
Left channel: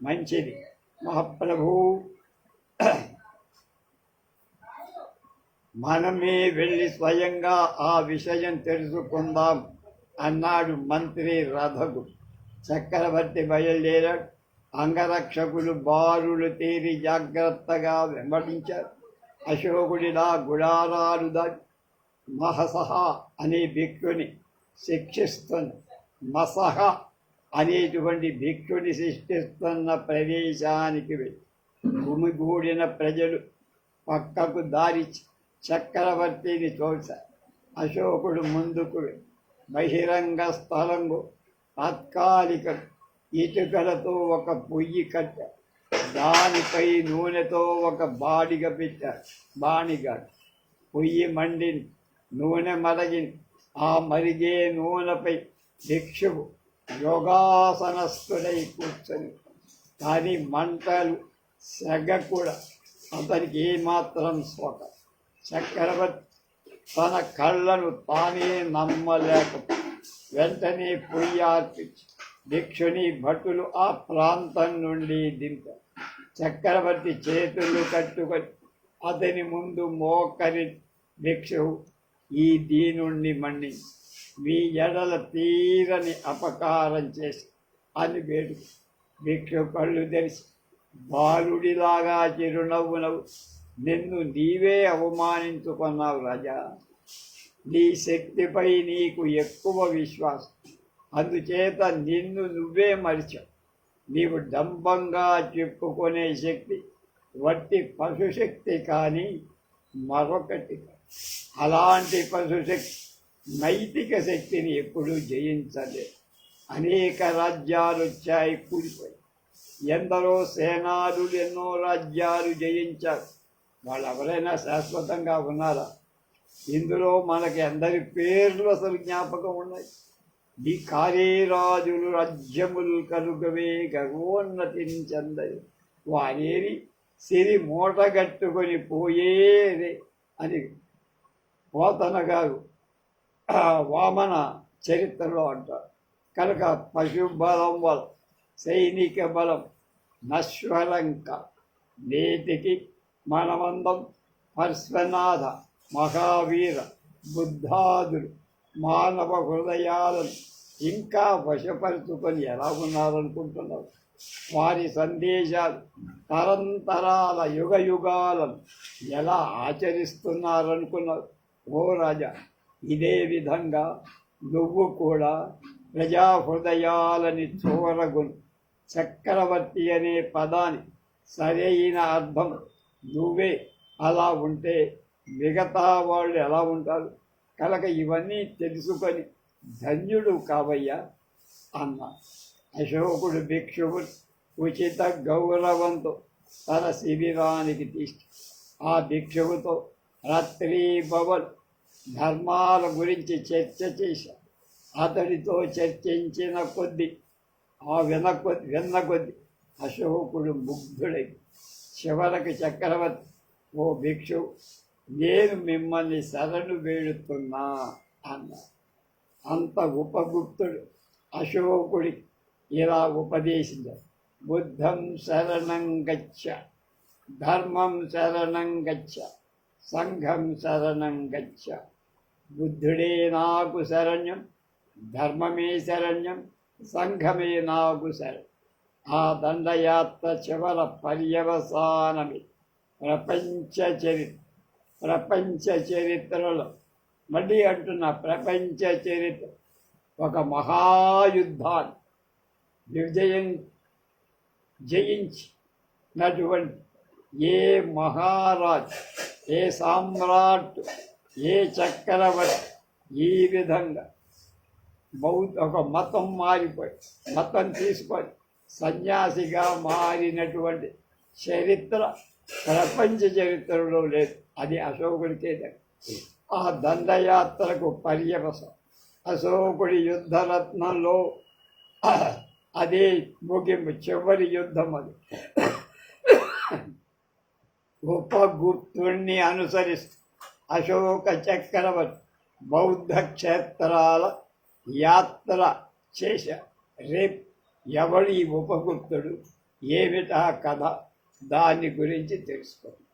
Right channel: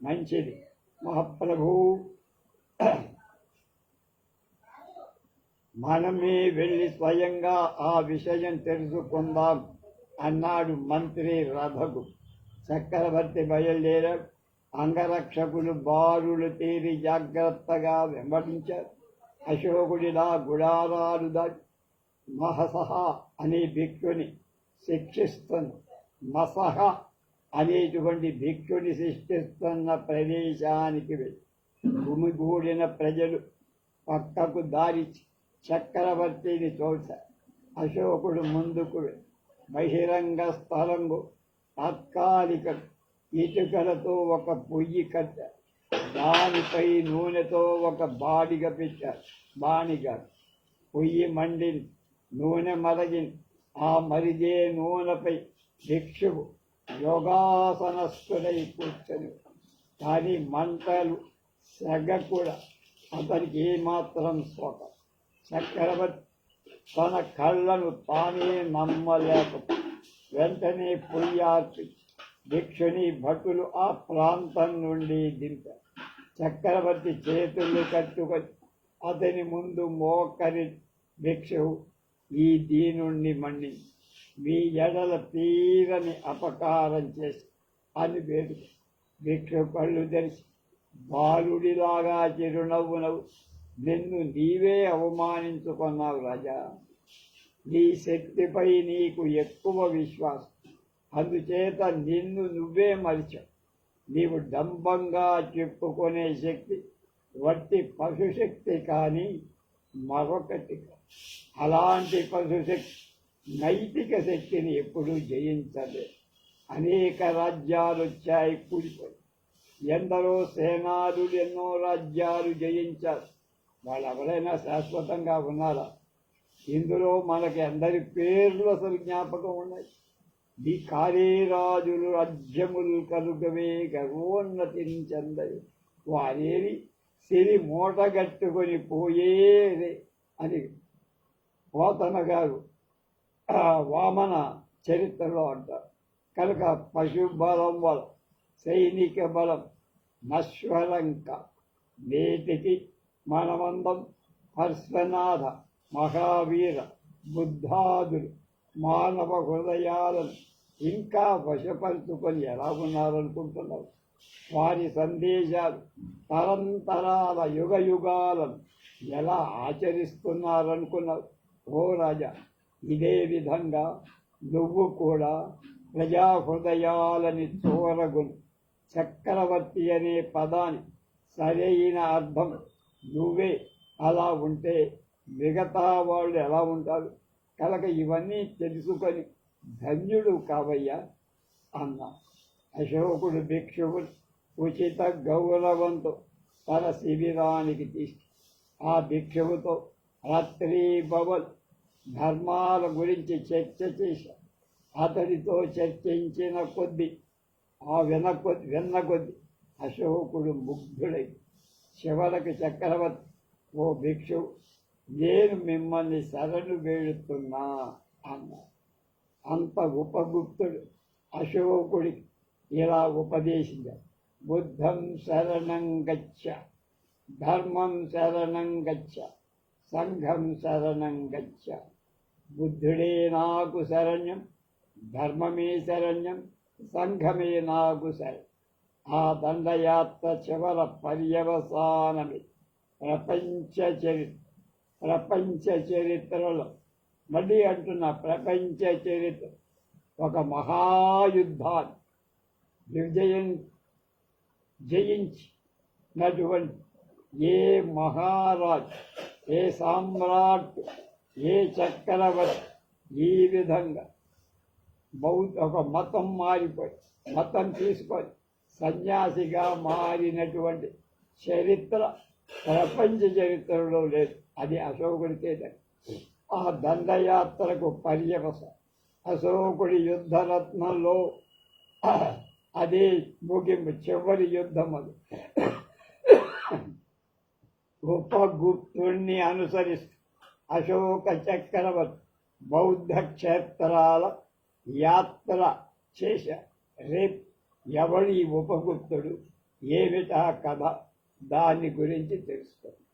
మంచిది మహాప్రభు, మనమే వెళ్ళి స్వయంగా ఆ విషయం తెలుసుకుందాం అన్నాడు మంత్రి రథకు. చక్రవర్తి బయలుదేరాడు. అంగరక్షకులు బారులు తీరి జాగ్రత్తగా వెంబడించారు. అశోకుడిలా గుడారాలు దాటి మహసహ అనే భిక్షుని శిక్షిస్తున్న మసహ అనేటువంటి భిక్షుని శిక్షిస్తున్న ప్రదేశానికి వెళ్ళి గుమిగూడిన ప్రజలు పక్కకు దారిచి చక్రవర్తిని చూశారు. అశోకుడు ముందుకు బహిరంగ స్థలంలో తాత్కాలిక ఇటుకలతో ఒక పొయ్యి కట్టారు. దానిపై నూనెతో ఒక బాడిగ పెట్టారు. బాణిగాడు. పొయ్యి మండిని, నూనె మరిగింది. ఆ మరిగే నూనెపై భిక్షువు యోగాసనస్థుడై కూర్చొని, కానీ మంటలు సెగ కూడా అతనికి ఏమాత్రం సోక. చక్రవర్తి తన కళ్ళను తానే నమ్మలేకపోయి వెంటనే పొయ్యి ఆర్పించి భిక్షుని భటులు ఆ ప్రాంతం నుండి దింపారు. చక్రవర్తి చేతులు కట్టుకొని అతని ముందు మోకరి భిక్షువు, ఈ దీనుణ్ణి మన్నించి మీ ఎడల తీరని అపకారం చేసి అని వేడుక. భిక్షు కళ్ళు తెరిచి బాలుడిలాగా చిరునవ్వు నవ్వు, నిన్ను నీవే అవమానించుకున్నావు రాజా. నీ శక్తిపై నీకు ఎక్కువ విశ్వాసం, అందుచేత నిన్ను నువ్వే మరిచావు. నీవు డంబంగా చెప్పుకునే శక్తి వట్టి పశుశక్తి కానీ మరొకటి. అలాంటి పశుశక్తి నైతిక శక్తిని ఎప్పుడూ జయించలేదు. అనేక రాజ్యాలు వచ్చాయి, కూలిపోయి. ఎందరో సేనాదులు ఎన్నో రాజ్యాలు జయించారు. వాళ్ళు ఎవరైనా శాశ్వతంగా ఉన్నారా? ఇందులో మనకి అందరి పేర్లు అసలు జ్ఞాపకం ఉన్నాయి. ఈ కార్యరాజులు రాజ్యములు కలుగవే గర్వోన్నతించందరు, వారేవి సిరి మూటగట్టుకొని పోయేదే అని పోతన గారు వామన చరిత్రలో అంటారు. కనుక పశుబలం వల్ల సైనిక బలం నశ్వరంక. నేటికి మనమందం పర్శ్వనాథ, మహావీర, బుద్ధాదులు మానవ హృదయాలను ఇంకా వశపరుచుకొని ఎలా ఉన్నారనుకుంటున్నారు? వారి సందేశాలు తరంతరాల యుగ యుగాలను ఎలా ఆచరిస్తున్నారనుకున్నారు? ఓ రాజా, ఇదే విధంగా నువ్వు కూడా ప్రజా హృదయాలని చూరగొను. చక్రవర్తి అనే పదానికి సరైన అర్థం నువ్వే అలా ఉంటే మిగతా వాళ్ళు ఎలా ఉంటారు కనుక ఇవన్నీ తెలుసుకొని ధన్యుడు కావయ్యా అన్న. అశోకుడు భిక్షువు ఉచిత గౌరవంతో తన శిబిరానికి తీసుకు ఆ భిక్షువుతో రాత్రి భవన్ ధర్మాల గురించి చర్చ చేశారు. అతడితో చర్చించిన కొద్దీ విన్న కొద్దీ అశోకుడు ముగ్ధుడై చివరికి చక్రవర్తి, ఓ భిక్షు, నేను మిమ్మల్ని శరణు వేడుతున్నా అన్న. అంత ఉపగుప్తుడు అశోకుడికి ఇలా ఉపదేశించారు: బుద్ధం శరణం గచ్చ, ధర్మం శరణం గచ్చ, సంఘం శరణం గచ్చ. బుద్ధుడే నాకు శరణ్యం, ధర్మమే శరణ్యం, సంఘమే నాకు శరణ్యం. ఆ దండయాత్ర చివర పర్యవసానమే ప్రపంచ చరిత్రలో, మళ్ళీ అంటున్న ప్రపంచ చరిత్ర, ఒక మహాయుద్ధాన్ని జయించినటువంటి ఏ మహారాజు, ఏ సామ్రాట్, ఏ చక్రవర్తి ఈ విధంగా ఒక మతం మతం తీసుకొని సన్యాసిగా మారినటువంటి చరిత్ర ప్రపంచ చరిత్రలో లేదు. అది అశోకుడికే. ఆ దండయాత్రకు పర్యవసం అశోకుడి యుద్ధరత్నంలో అదే ముగింపు, చివరి యుద్ధం అది. ఉపగుప్తుణ్ణి అనుసరిస్తూ అశోక చక్రవర్తి బౌద్ధ క్షేత్రాల యాత్ర చేశారు. రేపు ఎవడి ఉపగుప్తుడు, ఏమిటా కథ, దాని గురించి తెలుసుకోండి.